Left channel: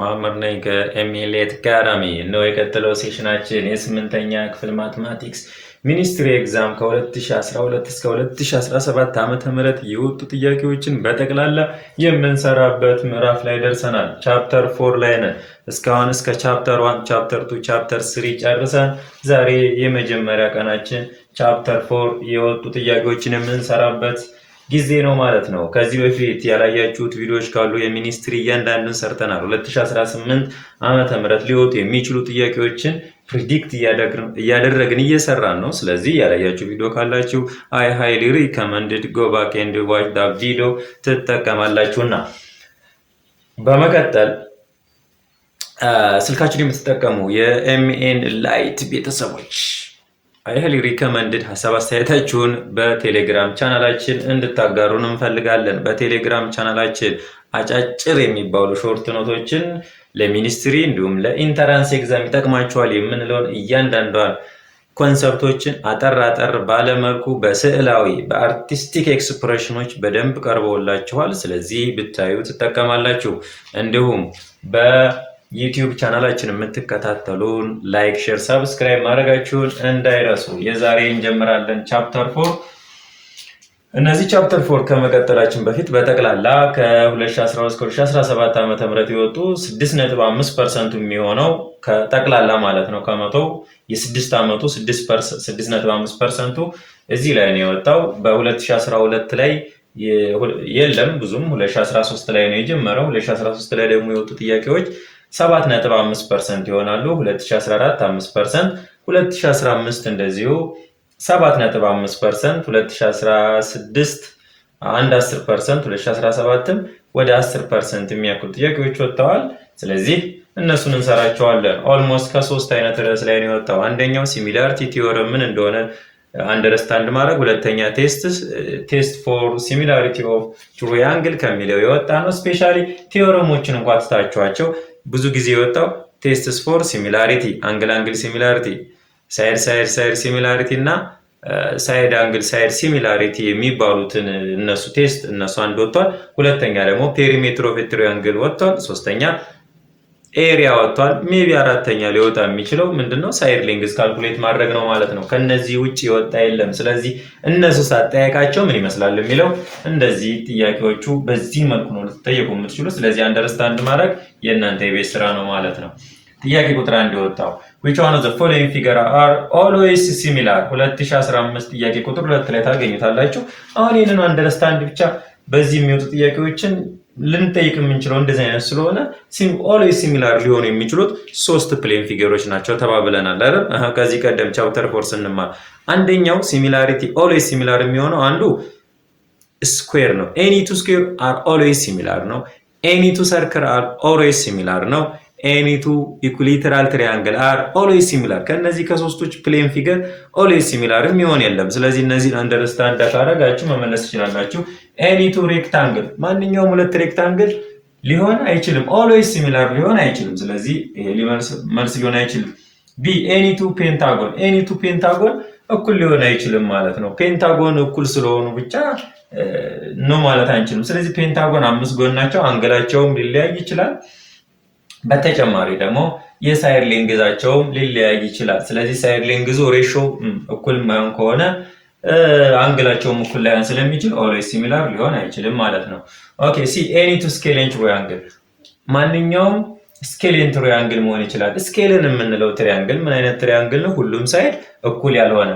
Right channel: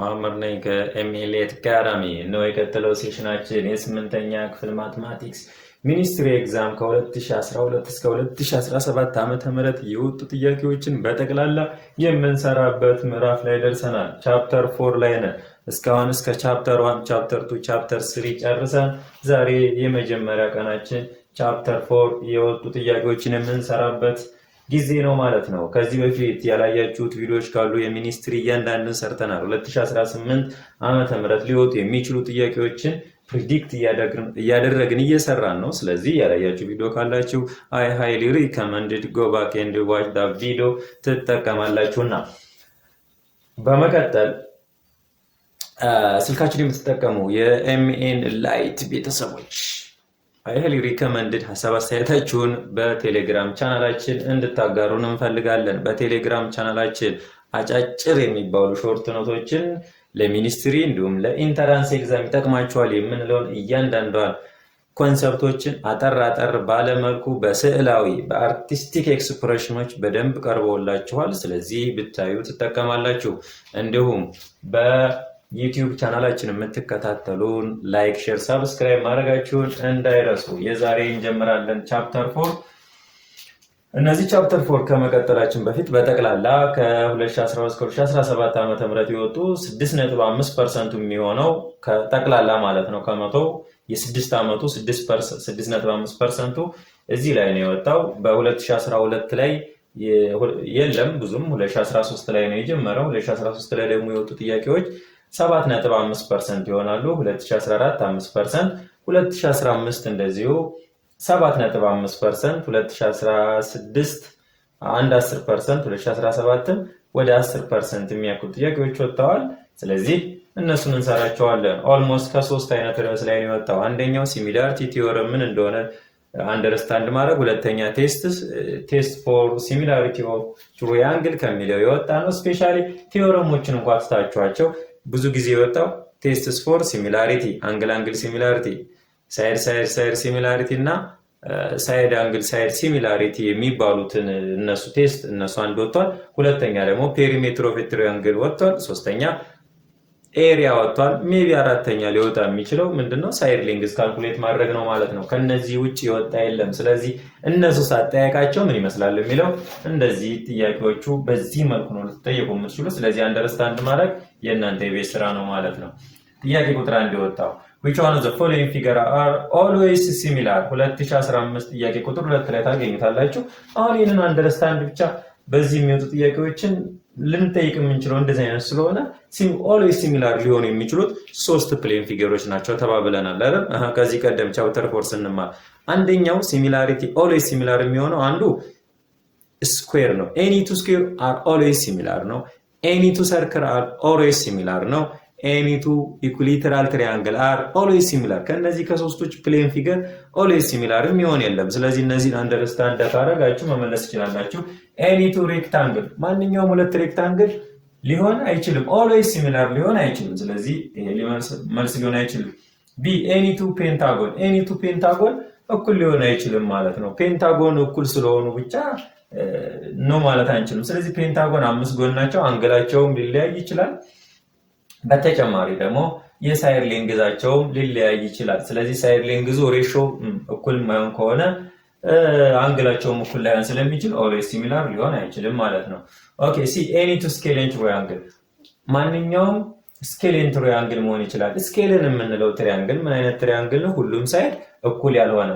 ማመር ነኝ ከኤምኤልኤት አካዳሚ ነው። የቀጠለው ሴሽናችን የስምንተኛ ክፍል ማትማቲክስ ሚኒስትሪ ኤግዛም ከ2012 እስከ 2017 ዓ.ም የወጡ ጥያቄዎችን በጠቅላላ የምንሰራበት ምዕራፍ ላይ ደርሰናል። ቻፕተር 4 ላይ ነን። እስካሁን እስከ ቻፕተር 1፣ ቻፕተር 2፣ ቻፕተር 3 ጨርሰን ዛሬ የመጀመሪያ ቀናችን ቻፕተር 4 የወጡ ጥያቄዎችን የምንሰራበት ጊዜ ነው ማለት ነው። ከዚህ በፊት ያላያችሁት ቪዲዮዎች ካሉ የሚኒስትሪ እያንዳንዱን ሰርተናል። 2018 ዓመተ ምህረት ሊወጡ የሚችሉ ጥያቄዎችን ፕሪዲክት እያደረግን እየሰራን ነው። ስለዚህ ያላያችሁ ቪዲዮ ካላችሁ አይ ሃይሊ ሪከመንድድ ጎ ባክ ኤንድ ዋች ዳት ቪዲዮ ትጠቀማላችሁና በመቀጠል ስልካችሁን የምትጠቀሙ የኤምኤን ላይት ቤተሰቦች አይህሊ ሪከመንድድ ሀሳብ አስተያየታችሁን በቴሌግራም ቻናላችን እንድታጋሩን እንፈልጋለን። በቴሌግራም ቻናላችን አጫጭር የሚባሉ ሾርት ኖቶችን ለሚኒስትሪ እንዲሁም ለኢንተራንስ ኤግዛም ይጠቅማቸዋል የምንለውን እያንዳንዷን ኮንሰፕቶችን አጠር ባለመልኩ በስዕላዊ በአርቲስቲክ ኤክስፕሬሽኖች በደንብ ቀርበውላችኋል። ስለዚህ ብታዩ ትጠቀማላችሁ። እንዲሁም ዩቲዩብ ቻናላችን የምትከታተሉን ላይክ፣ ሼር፣ ሰብስክራይብ ማድረጋችሁን እንዳይረሱ። የዛሬ እንጀምራለን ቻፕተር 4። እነዚህ ቻፕተር 4 ከመቀጠላችን በፊት በጠቅላላ ከ2012 እስከ 2017 ዓ.ም የወጡ 6.5% የሚሆነው ከጠቅላላ ማለት ነው ከመቶ የ6 ዓመቱ 6.5% እዚህ ላይ ነው የወጣው። በ2012 ላይ የለም ብዙም 2013 ላይ ነው የጀመረው። 2013 ላይ ደግሞ የወጡ ጥያቄዎች 7.5% ይሆናሉ። 2014 5%፣ 2015 እንደዚሁ 7.5%፣ 2016 10%፣ 2017ም ወደ 10% የሚያክሉ ጥያቄዎች ወጥተዋል። ስለዚህ እነሱን እንሰራቸዋለን። ኦልሞስት ከ3 አይነት ርዕስ ላይ ነው የወጣው። አንደኛው ሲሚላሪቲ ቲዮረም ምን እንደሆነ አንደርስታንድ ማድረግ፣ ሁለተኛ ቴስት ፎር ሲሚላሪቲ ኦፍ ትራያንግል ከሚለው የወጣ ነው። ስፔሻሊ ቲዮረሞችን እንኳን ትታችኋቸው ብዙ ጊዜ የወጣው ቴስትስ ፎር ሲሚላሪቲ፣ አንግል ሲሚላሪቲ፣ ሳይድ ሲሚላሪቲ እና ሳይድ አንግል ሳይድ ሲሚላሪቲ የሚባሉትን እነሱ አንድ ወጥቷል። ሁለተኛ ደግሞ ፔሪሜትር ኦፍ ትራያንግል ወጥቷል። ሶስተኛ ኤሪያ ወጥቷል። ሜቢ አራተኛ ሊወጣ የሚችለው ምንድነው? ሳይድ ሌንግዝ ካልኩሌት ማድረግ ነው ማለት ነው። ከነዚህ ውጭ የወጣ የለም። ስለዚህ እነሱ ሳጠያቃቸው ምን ይመስላል የሚለው እንደዚህ ጥያቄዎቹ በዚህ መልኩ ነው ልትጠየቁ የምትችሉ። ስለዚህ አንደርስታንድ ማድረግ የእናንተ የቤት ስራ ነው ማለት ነው። ጥያቄ ቁጥር 1 የወጣው which one of the following figure are always similar 2015 ጥያቄ ቁጥር 2 ላይ ታገኙታላችሁ። አሁን ይህንን አንደርስታንድ ብቻ በዚህ የሚወጡ ጥያቄዎችን ልንጠይቅ የምንችለው እንደዚህ አይነት ስለሆነ ኦልዌይስ ሲሚላር ሊሆኑ የሚችሉት 3 ፕሌን ፊገሮች ናቸው ተባብለናል አይደል? ከዚህ ቀደም ቻፕተር 4 ስንማር አንደኛው ሲሚላሪቲ ኦልዌይስ ሲሚላር የሚሆነው አንዱ ስኩዌር ነው። ኤኒ ቱ ስኩዌር አር ኦልዌይስ ሲሚላር ነው። ኤኒ ቱ ሰርክል አር ኦልዌይስ ሲሚላር ነው። ኤኒ ቱ ኢኩሊተራል ትሪያንግል አር ኦልዌይስ ሲሚላር። ከነዚህ ከሶስቶች ፕሌን ፊገር ኦልዌይስ ሲሚላር የሚሆን የለም። ስለዚህ እነዚህን አንደርስታንድ ካደረጋችሁ መመለስ ትችላላችሁ። ኤኒ ቱ ሬክታንግል፣ ማንኛውም ሁለት ሬክታንግል ሊሆን አይችልም፣ ኦልዌይስ ሲሚላር ሊሆን አይችልም። ስለዚህ መልስ ሊሆን አይችልም። ቢ ኤኒ ቱ ፔንታጎን፣ ኤኒ ቱ ፔንታጎን እኩል ሊሆን አይችልም ማለት ነው። ፔንታጎን እኩል ስለሆኑ ብቻ ነው ማለት አንችልም። ስለዚህ ፔንታጎን 5 ጎን ናቸው፣ አንገላቸውም ሊለያይ ይችላል። በተጨማሪ ደግሞ የሳይድ ሌንግዛቸውም ሊለያይ ይችላል። ስለዚህ ሳይድ ሌንግዙ ሬሾ እኩል ማይሆን ከሆነ አንግላቸውም እኩል ላይሆን ስለሚችል ኦልዌይስ ሲሚላር ሊሆን አይችልም ማለት ነው። ኦኬ ሲ ኤኒ ቱ ስኬሌን ትራያንግል፣ ማንኛውም ስኬሌን ትራያንግል መሆን ይችላል። ስኬልን የምንለው ትሪያንግል ምን አይነት ትሪያንግል ነው? ሁሉም ሳይድ እኩል ያልሆነ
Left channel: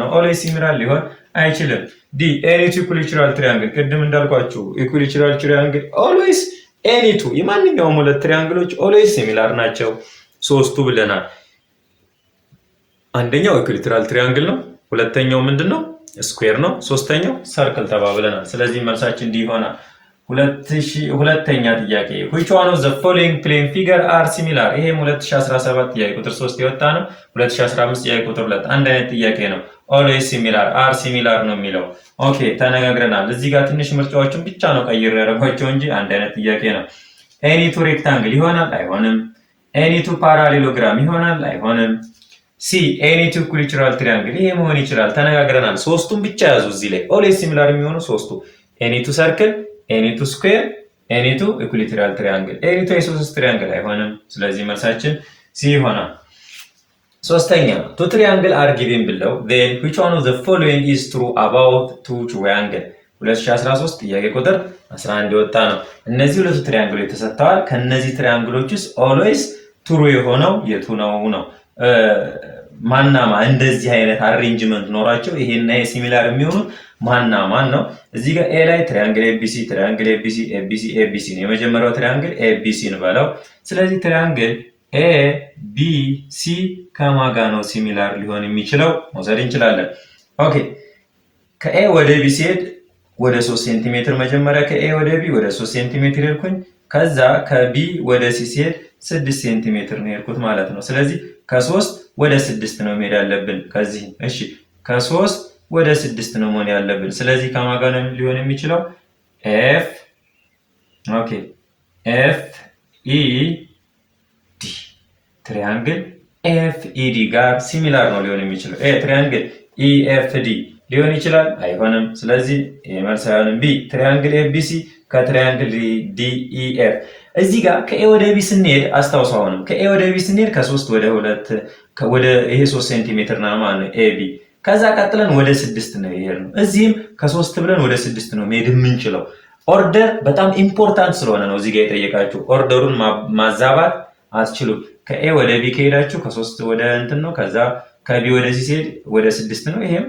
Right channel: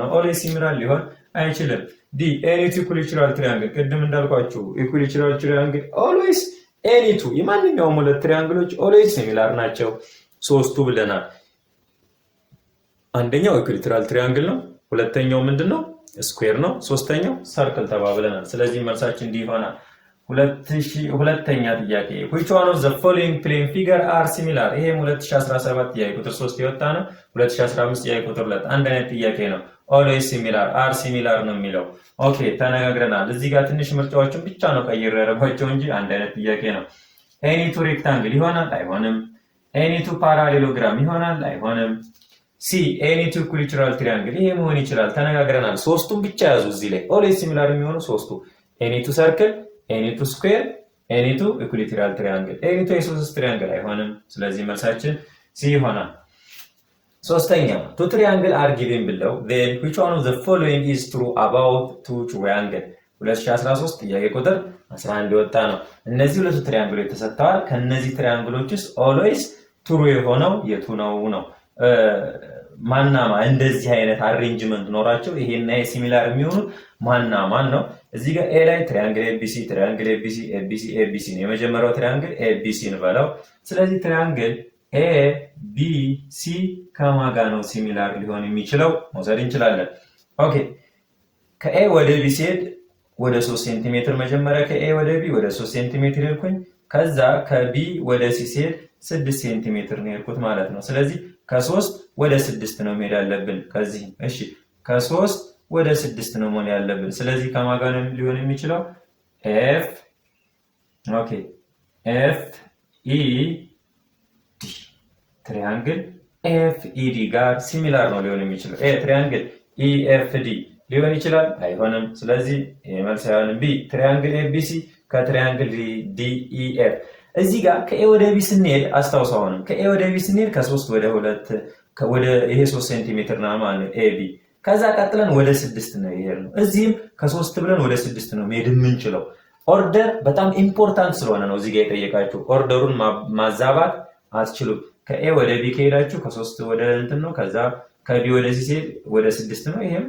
ነው። ኦልዌይስ ሲሚላር ሊሆን አይችልም። ዲ ኤኒ ቱ ኢኩሊተራል ትሪያንግል፣ ቅድም እንዳልኳችሁ ኢኩሊተራል ትሪያንግል ኦልዌይስ ኤኒ ቱ የማንኛውም ሁለት ትሪያንግሎች ኦልዌይስ ሲሚላር ናቸው። 3ቱ ብለናል። አንደኛው ኢኩሊተራል ትሪያንግል ነው። ሁለተኛው ምንድነው? ስኩዌር ነው። ሶስተኛው ሰርክል ተባብለናል። ስለዚህ መልሳችን እንዲህ ይሆናል። ሁለተኛ ጥያቄ which one of the following plane figure are similar? ይሄም 2017 ጥያቄ ቁጥር 3 የወጣ ነው። 2015 ጥያቄ ቁጥር 2 አንድ አይነት ጥያቄ ነው። always similar are similar ነው የሚለው። ኦኬ ተነጋግረናል። እዚህ ጋር ትንሽ ምርጫዎችን ብቻ ነው ቀይሬ ያደረኳቸው እንጂ አንድ አይነት ጥያቄ ነው። ኤኒ ቱ ሬክታንግል ይሆናል አይሆንም? ኤኒ ቱ ፓራሌሎግራም ይሆናል አይሆንም? ሲ ኤኒ ቱ ኢኩሊተራል ትሪያንግል፣ ይሄ መሆን ይችላል። ተነጋግረናል። 3ቱን ብቻ ያዙ እዚህ ላይ ኦልዌይስ ሲሚላር የሚሆኑ 3ቱ ኤኒ ቱ ሰርክል፣ ኤኒ ቱ ስኩዌር፣ ኤኒቱ ኢኩሊተራል ትሪያንግል ኤኒቱ የሶስት ትሪያንግል አይሆንም። ስለዚህ መልሳችን ሲ ይሆናል። ሶስተኛ ቱ ትሪያንግል አር ጊቭን ብለው then which one of the following is true about two triangle 2013 ጥያቄ ቁጥር 11 የወጣ ነው። እነዚህ ሁለቱ ትሪያንግሎች ተሰጥተዋል። ከነዚህ ትሪያንግሎች ውስጥ always true የሆነው የቱ ነው? ማናማ እንደዚህ አይነት አሬንጅመንት ኖራቸው ይሄና ሲሚላር የሚሆኑት ማን ነው? እዚህ ጋር ኤ ላይ ትሪያንግል ኤቢሲ ኤቢሲ ነው። የመጀመሪያው ትሪያንግል ኤቢሲ እንበለው። ስለዚህ ትሪያንግል ኤቢሲ ከማጋ ነው ሲሚላር ሊሆን የሚችለው መውሰድ እንችላለን። ኦኬ ከኤ ወደ ቢ ሲሄድ ወደ 3 ሴንቲሜትር መጀመሪያ ከኤ ወደ ቢ ወደ 3 ሴንቲሜትር ሄድኩኝ። ከዛ ከቢ ወደ ሲ ሲሄድ 6 ሴንቲሜትር ነው ሄድኩት ማለት ነው። ስለዚህ ከ3 ወደ 6 ነው መሄድ ያለብን። ከዚህ እሺ ከ3 ወደ 6 ነው መሆን ያለብን። ስለዚህ ከማጋ ነው ሊሆን የሚችለው ኤፍ ኢ ዲ ትሪያንግል ኤፍ ኢ ዲ ጋር ሲሚላር ነው ሊሆን የሚችለው። ትሪያንግል ኢ ኤፍ ዲ ሊሆን ይችላል አይሆንም። ስለዚህ መልስ አይሆንም። ቢ ትሪያንግል ኤቢሲ ከትሪያንግል ዲ ኢ ኤፍ እዚህ ጋር ከኤ ወደ ቢ ስንሄድ አስታውሰው አሁንም ከኤ ወደ ቢ ስንሄድ ከ3 ወደ 2 ወደ ይሄ 3 ሴንቲሜትር ነው ማለት ነው ኤቢ። ከዛ ቀጥለን ወደ 6 ነው የሄድነው። እዚህም ከ3 ብለን ወደ 6 ነው መሄድ የምንችለው። ኦርደር በጣም ኢምፖርታንት ስለሆነ ነው እዚህ ጋር የጠየቃችሁ። ኦርደሩን ማዛባት አትችሉም። ከኤ ወደ ቢ ከሄዳችሁ ከ3 ወደ እንትን ነው። ከዛ ከቢ ወደ ሲ ሲሄድ ወደ 6 ነው። ይሄም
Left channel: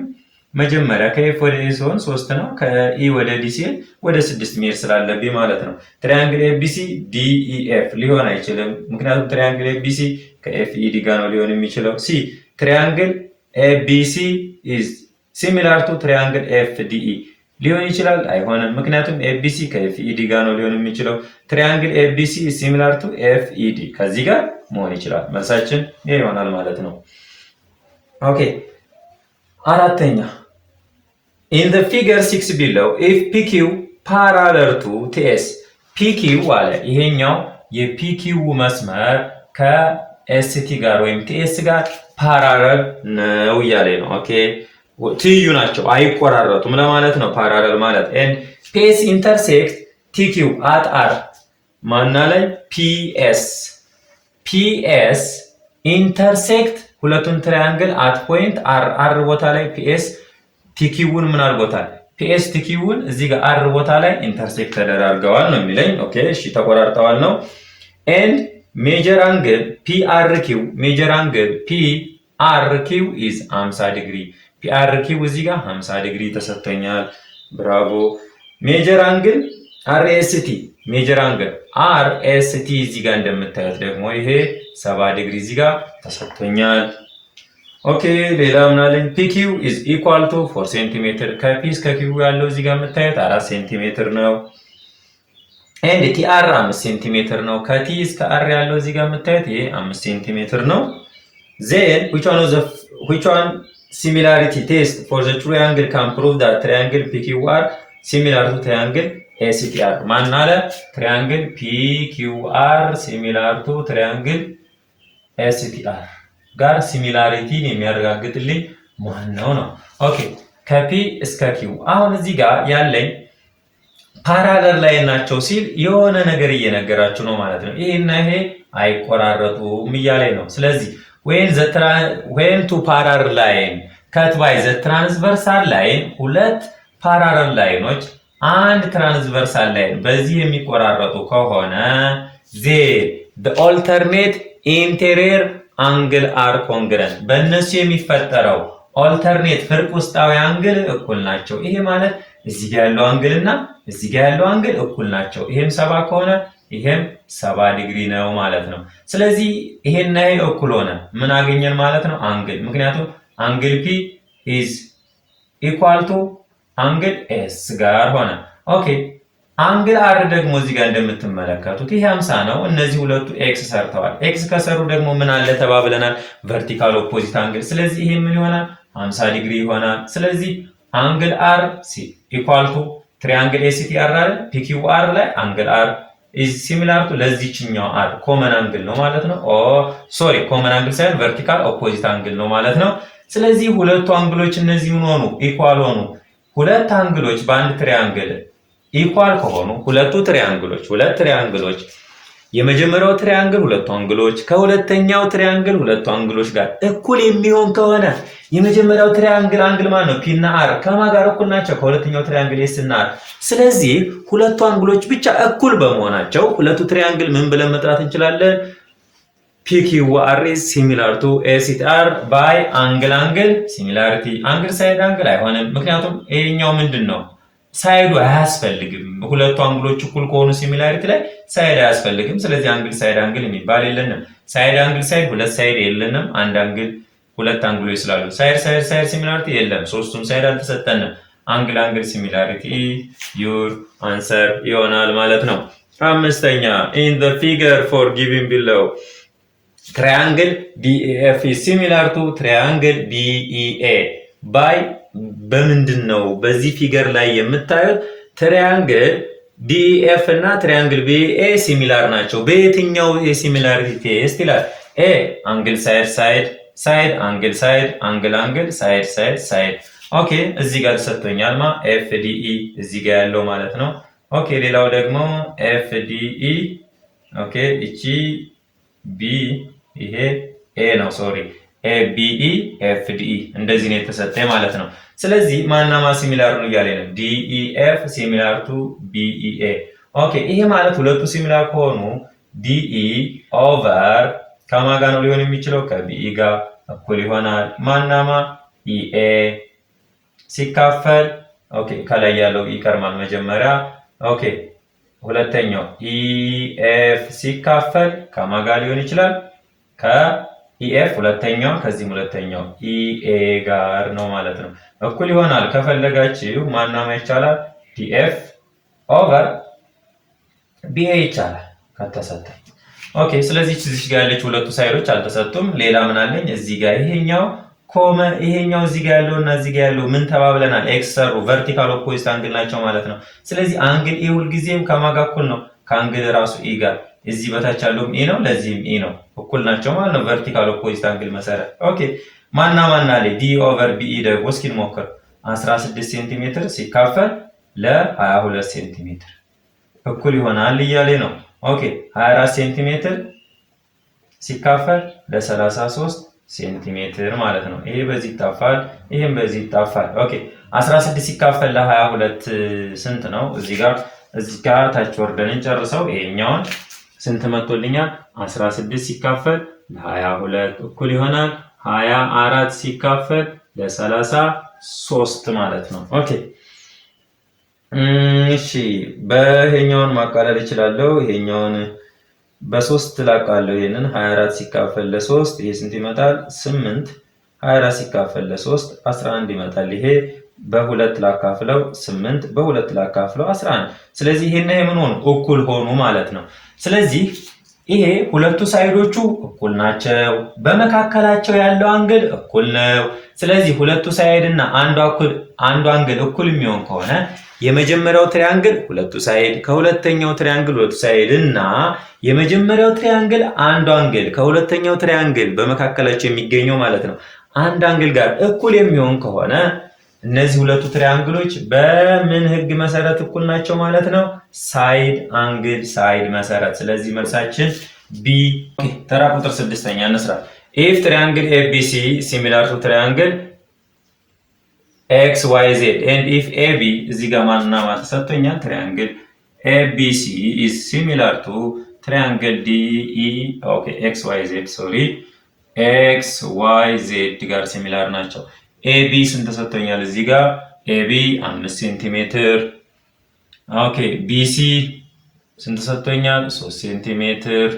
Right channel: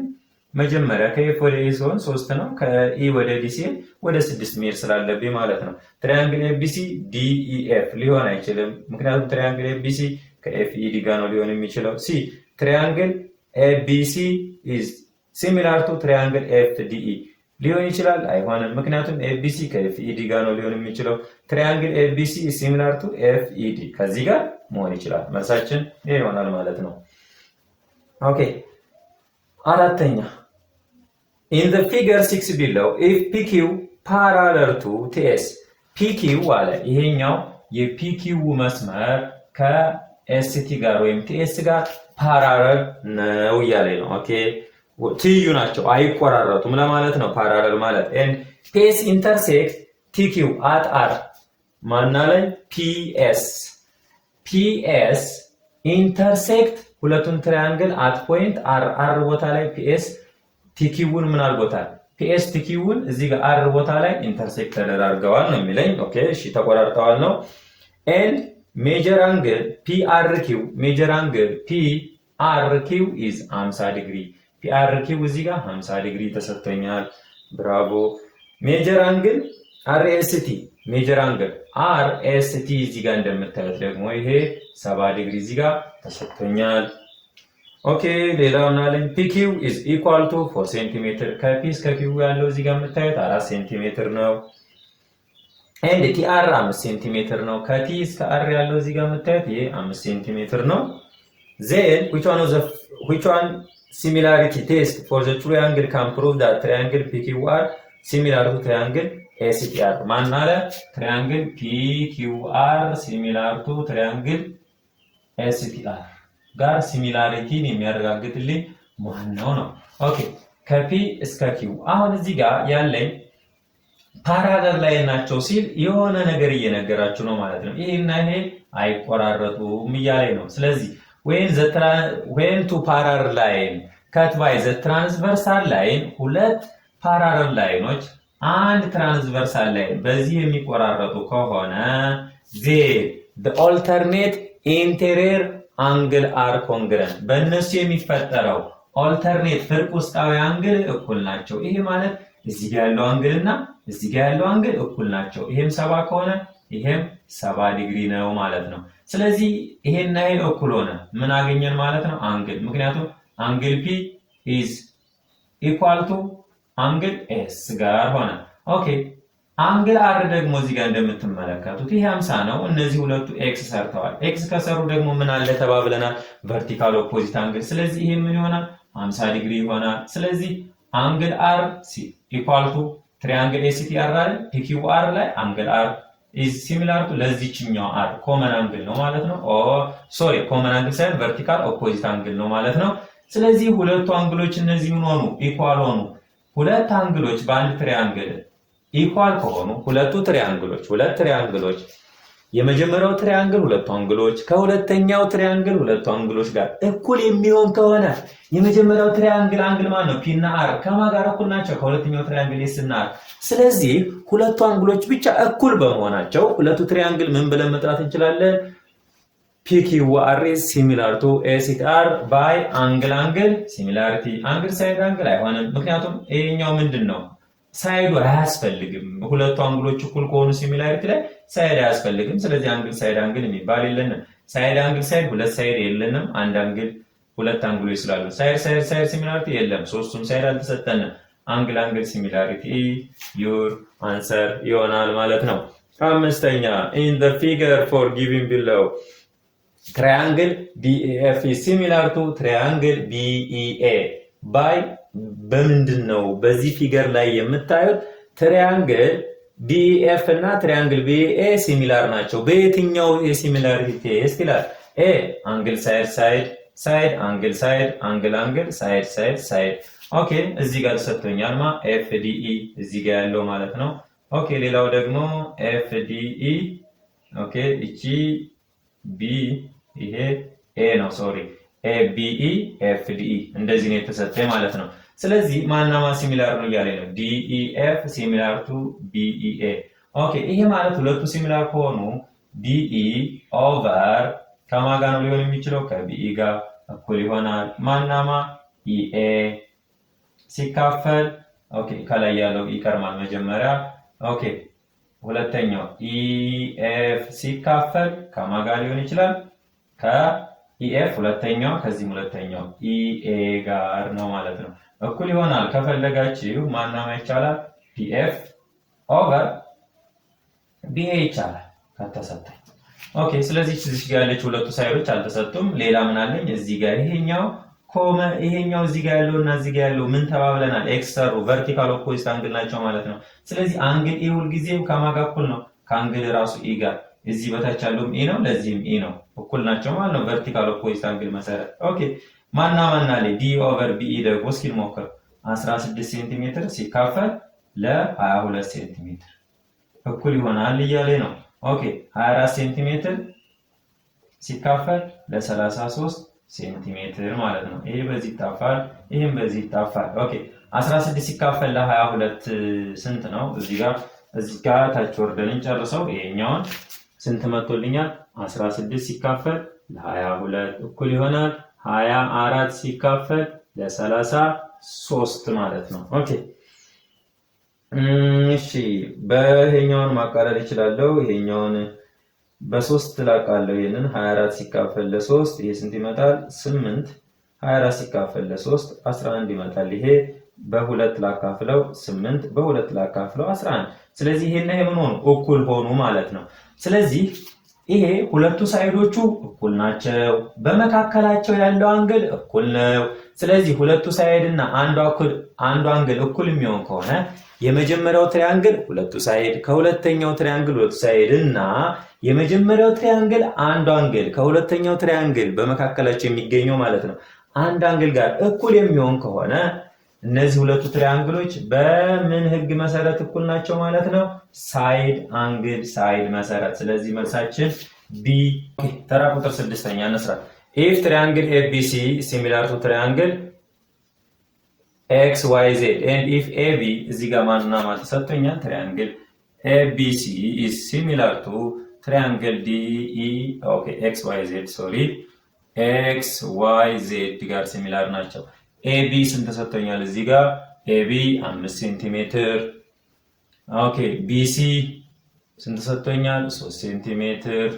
መጀመሪያ ከኤፍ ወደ ኤ ሲሆን 3 ነው። ከኢ ወደ ዲ ሲሄድ ወደ 6 መሄድ ስላለብኝ ማለት ነው። ትሪያንግል ኤቢሲ ዲኢኤፍ ሊሆን አይችልም። ምክንያቱም ትሪያንግል ኤቢሲ ከኤፍ ኢ ዲ ጋር ነው ሊሆን የሚችለው። ሲ ትሪያንግል ኤቢሲ ኢዝ ሲሚላር ቱ ትሪያንግል ኤፍ ዲኢ ሊሆን ይችላል አይሆንም። ምክንያቱም ኤቢሲ ከኤፍ ኢ ዲ ጋር ነው ሊሆን የሚችለው። ትሪያንግል ኤቢሲ ኢዝ ሲሚላር ቱ ኤፍ ኢ ዲ ከዚህ ጋር መሆን ይችላል። መልሳችን ይሄ ይሆናል ማለት ነው። ኦኬ አራተኛ in the figure 6 below if PQ parallel to TS PQ አለ ይሄኛው የPQ መስመር ከST ጋር ወይም TS ጋር ፓራለል ነው እያለ ነው። ኦኬ ትይዩ ናቸው አይቆራረጡም ለማለት ነው ፓራለል ማለት። and PS intersect TQ at R ማና ላይ PS intersect ሁለቱን ትራያንግል at point R ቦታ ላይ PS ቲኪውን ምን አድርጎታል? ፒኤስ ቲኪውን እዚህ ጋር አር ቦታ ላይ ኢንተርሴክት ተደራርገዋል ነው የሚለኝ። ኦኬ እሺ ተቆራርጠዋል ነው። ኤንድ ሜጀር አንግል ፒአርኪው ሜጀር አንግል ፒአርኪው ኢዝ 50 ዲግሪ ፒአርኪው እዚህ ጋር 50 ዲግሪ ተሰጥቶኛል። ብራቮ። ሜጀር አንግል አርኤስቲ ሜጀር አንግል አርኤስቲ እዚህ ጋር እንደምታዩት ደግሞ ይሄ 70 ዲግሪ እዚህ ጋር ተሰጥቶኛል። ኦኬ ሌላው ምናለኝ ፒኪው ኢዝ ኢኳል ቱ 4 ሴንቲሜትር ከፒ እስከ ኪው ያለው እዚህ ጋር የምታዩት 4 ሴንቲሜትር ነው። ኤንድ ቲአር 5 ሴንቲሜትር ነው። ከቲ እስከ አር ያለው እዚህ ጋር የምታዩት ይሄ 5 ሴንቲሜትር ነው። ዜን which one similarity test for the triangle can prove that triangle PQR similar to triangle ACTR ማን አለ? triangle PQR similar to triangle ACTR ጋር ሲሚላሪቲን የሚያረጋግጥልኝ ማን ነው? ኦኬ ከፒ እስከ ኪው አሁን እዚህ ጋር ያለኝ ፓራለል ላይ ናቸው ሲል የሆነ ነገር እየነገራችሁ ነው ማለት ነው። ይሄና ይሄ አይቆራረጡም እያለኝ ነው። ስለዚህ when two parallel line cut by the transversal line ሁለት ፓራለል ላይኖች አንድ ትራንስቨርሳል ላይን በዚህ የሚቆራረጡ ከሆነ the alternate interior አንግል አር ኮንግረንት በእነሱ የሚፈጠረው ኦልተርኔት ፍርቅ ውስጣዊ አንግል እኩል ናቸው። ይሄ ማለት እዚህ ጋር ያለው አንግል እና እዚህ ጋር ያለው አንግል እኩል ናቸው። ይሄም 70 ከሆነ ይሄም 70 ዲግሪ ነው ማለት ነው። ስለዚህ ይሄና ይሄ እኩል ሆነ ምን አገኘን ማለት ነው? አንግል። ምክንያቱም አንግል ፒ ኢዝ ኢኳል ቱ አንግል ኤስ ጋር ሆነ። ኦኬ አንግል አር ደግሞ እዚህ ጋር እንደምትመለከቱት ይሄ 50 ነው። እነዚህ ሁለቱ ኤክስ ሰርተዋል። ኤክስ ከሰሩ ደግሞ ምን አለ ተባብለናል? ቨርቲካል ኦፖዚት አንግል። ስለዚህ ይሄ ምን ይሆናል? 50 ዲግሪ ይሆናል። ስለዚህ አንግል አር ኢኳል ቱ ትሪያንግል ኤሲቲአር አለ ፒኪውአር ላይ አንግል አር ኢዝ ሲሚላር ቱ ለዚህኛው አር ኮመን አንግል ነው ማለት ነው። ሶሪ ኮመን አንግል ሳይሆን ቨርቲካል ኦፖዚት አንግል ነው ማለት ነው። ስለዚህ ሁለቱ አንግሎች እነዚህ ሆኑ ኢኳል ሆኑ። ሁለት አንግሎች በአንድ ትሪያንግል ኢኳል ከሆኑ ሁለት ትሪያንግሎች የመጀመሪያው ትሪያንግል ሁለቱ አንግሎች ከሁለተኛው ትሪያንግል ሁለቱ አንግሎች ጋር እኩል የሚሆን ከሆነ የመጀመሪያው ትሪያንግል አንግል ማለት ነው ፒ እና አር ከማን ጋር እኩል ናቸው? ከሁለተኛው ትሪያንግል ኤስ እና አር። ስለዚህ ሁለቱ አንግሎች ብቻ እኩል በመሆናቸው ሁለቱ ትሪያንግል ምን ብለን መጥራት እንችላለን? PQR is similar to ACR by angle similarity። አንግል ሳይድ አንግል አይሆንም፣ ምክንያቱም ይሄኛው ምንድን ነው ሳይዱ አያስፈልግም። ሁለቱ አንግሎች እኩል ከሆኑ ሲሚላሪቲ ላይ ሳይድ አያስፈልግም። ስለዚህ አንግል ሳይድ አንግል የሚባል የለንም። ሳይድ አንግል ሳይድ ሁለት ሳይድ የለንም። አንድ አንግል ሁለት አንግሎች ስላሉ ሳይድ ሲሚላሪቲ የለም። ሶስቱም ሳይድ አልተሰጠንም። አንግል ሲሚላሪቲ ዩር አንሰር ይሆናል ማለት ነው። አምስተኛ in the figure for given below triangle DEF is similar to triangle DEA by በምንድን ነው በዚህ ፊገር ላይ የምታዩት ትሪያንግል ዲኤፍ እና ትሪያንግል ቢኤ ሲሚላር ናቸው። በየትኛው የሲሚላሪቲ ቴስት ይላል? ኤ አንግል ሳይድ አንግል ሳይድ። ኦኬ እዚህ ጋር ተሰጥቶኛል ኤፍ ዲኢ እዚህ ጋር ያለው ማለት ነው። ኦኬ ሌላው ደግሞ ኤፍ ዲኢ ኦኬ እቺ ቢ ይሄ ኤ ነው ሶሪ ኤቢኢ ኤፍዲኢ እንደዚህ ነው የተሰጠኝ ማለት ነው። ስለዚህ ማናማ ሲሚላር ነው እያለ ነው ዲኢኤፍ ሲሚላር ቱ ቢኢኤ። ኦኬ ይሄ ማለት ሁለቱ ሲሚላር ከሆኑ ዲኢ ኦቨር ከማን ጋር ነው ሊሆን የሚችለው? ከቢኢ ጋር እኩል ይሆናል። ማናማ ኢኤ ሲካፈል ኦኬ ከላይ ያለው ይቀርማል መጀመሪያ። ኦኬ ሁለተኛው ኢኤፍ ሲካፈል ከማን ጋር ሊሆን ይችላል? ኢኤፍ ሁለተኛው ከዚህም ሁለተኛው ኢኤ ጋር ነው ማለት ነው። እኩል ይሆናል ከፈለጋችሁ ማናማ ይቻላል ዲኤፍ ኦቨር ቢኤ ይቻላል ከተሰጠኝ። ኦኬ ስለዚህ እዚህ ጋር ያለች ሁለቱ ሳይዶች አልተሰጡም። ሌላ ምን አለኝ እዚህ ጋር ይሄኛው ኮመ ይሄኛው እዚህ ጋር ያለውና እዚህ ጋር ያለው ምን ተባብለናል? ኤክስ ሰሩ ቨርቲካል ኦፖዚት አንግል ናቸው ማለት ነው። ስለዚህ አንግል ኤ ሁልጊዜም ከማን ጋር እኩል ነው? ከአንግል ራሱ ኢ ጋር። እዚህ በታች ያለውም ኢ ነው፣ ለዚህም ኢ ነው፣ እኩል ናቸው ማለት ነው ቨርቲካል ኦፖዚት አንግል መሰረት። ኦኬ ማና አለ ዲ ኦቨር ቢኢ ደግሞ እስኪ እንሞክር። 16 ሴንቲሜትር ሲካፈል ለ22 ሴንቲሜትር እኩል ይሆናል እያለ ነው። ኦኬ 24 ሴንቲሜትር ሲካፈል ለ33 ሴንቲሜትር ማለት ነው። ይሄ በዚህ ይጣፋል፣ ይሄም በዚህ ይጣፋል። ኦኬ 16 ሲካፈል ለ22 ስንት ነው? እዚህ ጋር ታች ወርደን እንጨርሰው። ይሄኛውን ስንት መጥቶልኛል? 16 ሲካፈል ለ22 እኩል ይሆናል 24 ሲካፈል ለ33 ማለት ነው። ኦኬ እሺ በይሄኛውን ማቃለል እችላለሁ። ይሄኛውን በ3 ላቃለሁ። ይሄንን 24 ሲካፈል ለ3 ይሄ ስንት ይመጣል? 8 24 ሲካፈል ለ3 11 ይመጣል። ይሄ በ2 ላካፍለው 8 በ2 ላካፍለው 11። ስለዚህ ይሄና ይሄ ምን ሆኑ? እኩል ሆኑ ማለት ነው። ስለዚህ ይሄ ሁለቱ ሳይዶቹ እኩል ናቸው፣ በመካከላቸው ያለው አንግል እኩል ነው። ስለዚህ ሁለቱ ሳይድ እና አንዱ አንግል እኩል የሚሆን ከሆነ የመጀመሪያው ትሪያንግል ሁለቱ ሳይድ ከሁለተኛው ትሪያንግል ሁለቱ ሳይድ እና የመጀመሪያው ትሪያንግል አንዱ አንግል ከሁለተኛው ትሪያንግል በመካከላቸው የሚገኘው ማለት ነው አንድ አንግል ጋር እኩል የሚሆን ከሆነ እነዚህ ሁለቱ ትሪያንግሎች በምን ህግ መሰረት እኩል ናቸው ማለት ነው? ሳይድ አንግል ሳይድ መሰረት። ስለዚህ መልሳችን ቢ። ተራ ቁጥር 6ኛ እንስራ። ኢፍ ትሪያንግል ኤቢሲ ሲሚላር ቱ ትሪያንግል ኤክስ ዋይ ዜድ ኤንድ ኢፍ ኤቢ እዚህ ጋር ማንና ማን ተሰጥቶኛል? ትሪያንግል ኤቢሲ ኢዝ ሲሚላር ቱ ትሪያንግል ዲኢ ኦኬ ኤክስ ዋይ ዜድ ሶሪ ኤክስ ዋይ ዜድ ጋር ሲሚላር ናቸው። ኤቢ ስንት ተሰጥቶኛል? እዚህ ጋር ኤቢ 5 ሴንቲሜትር። ኦኬ ቢሲ ስንት ተሰጥቶኛል? 3 ሴንቲሜትር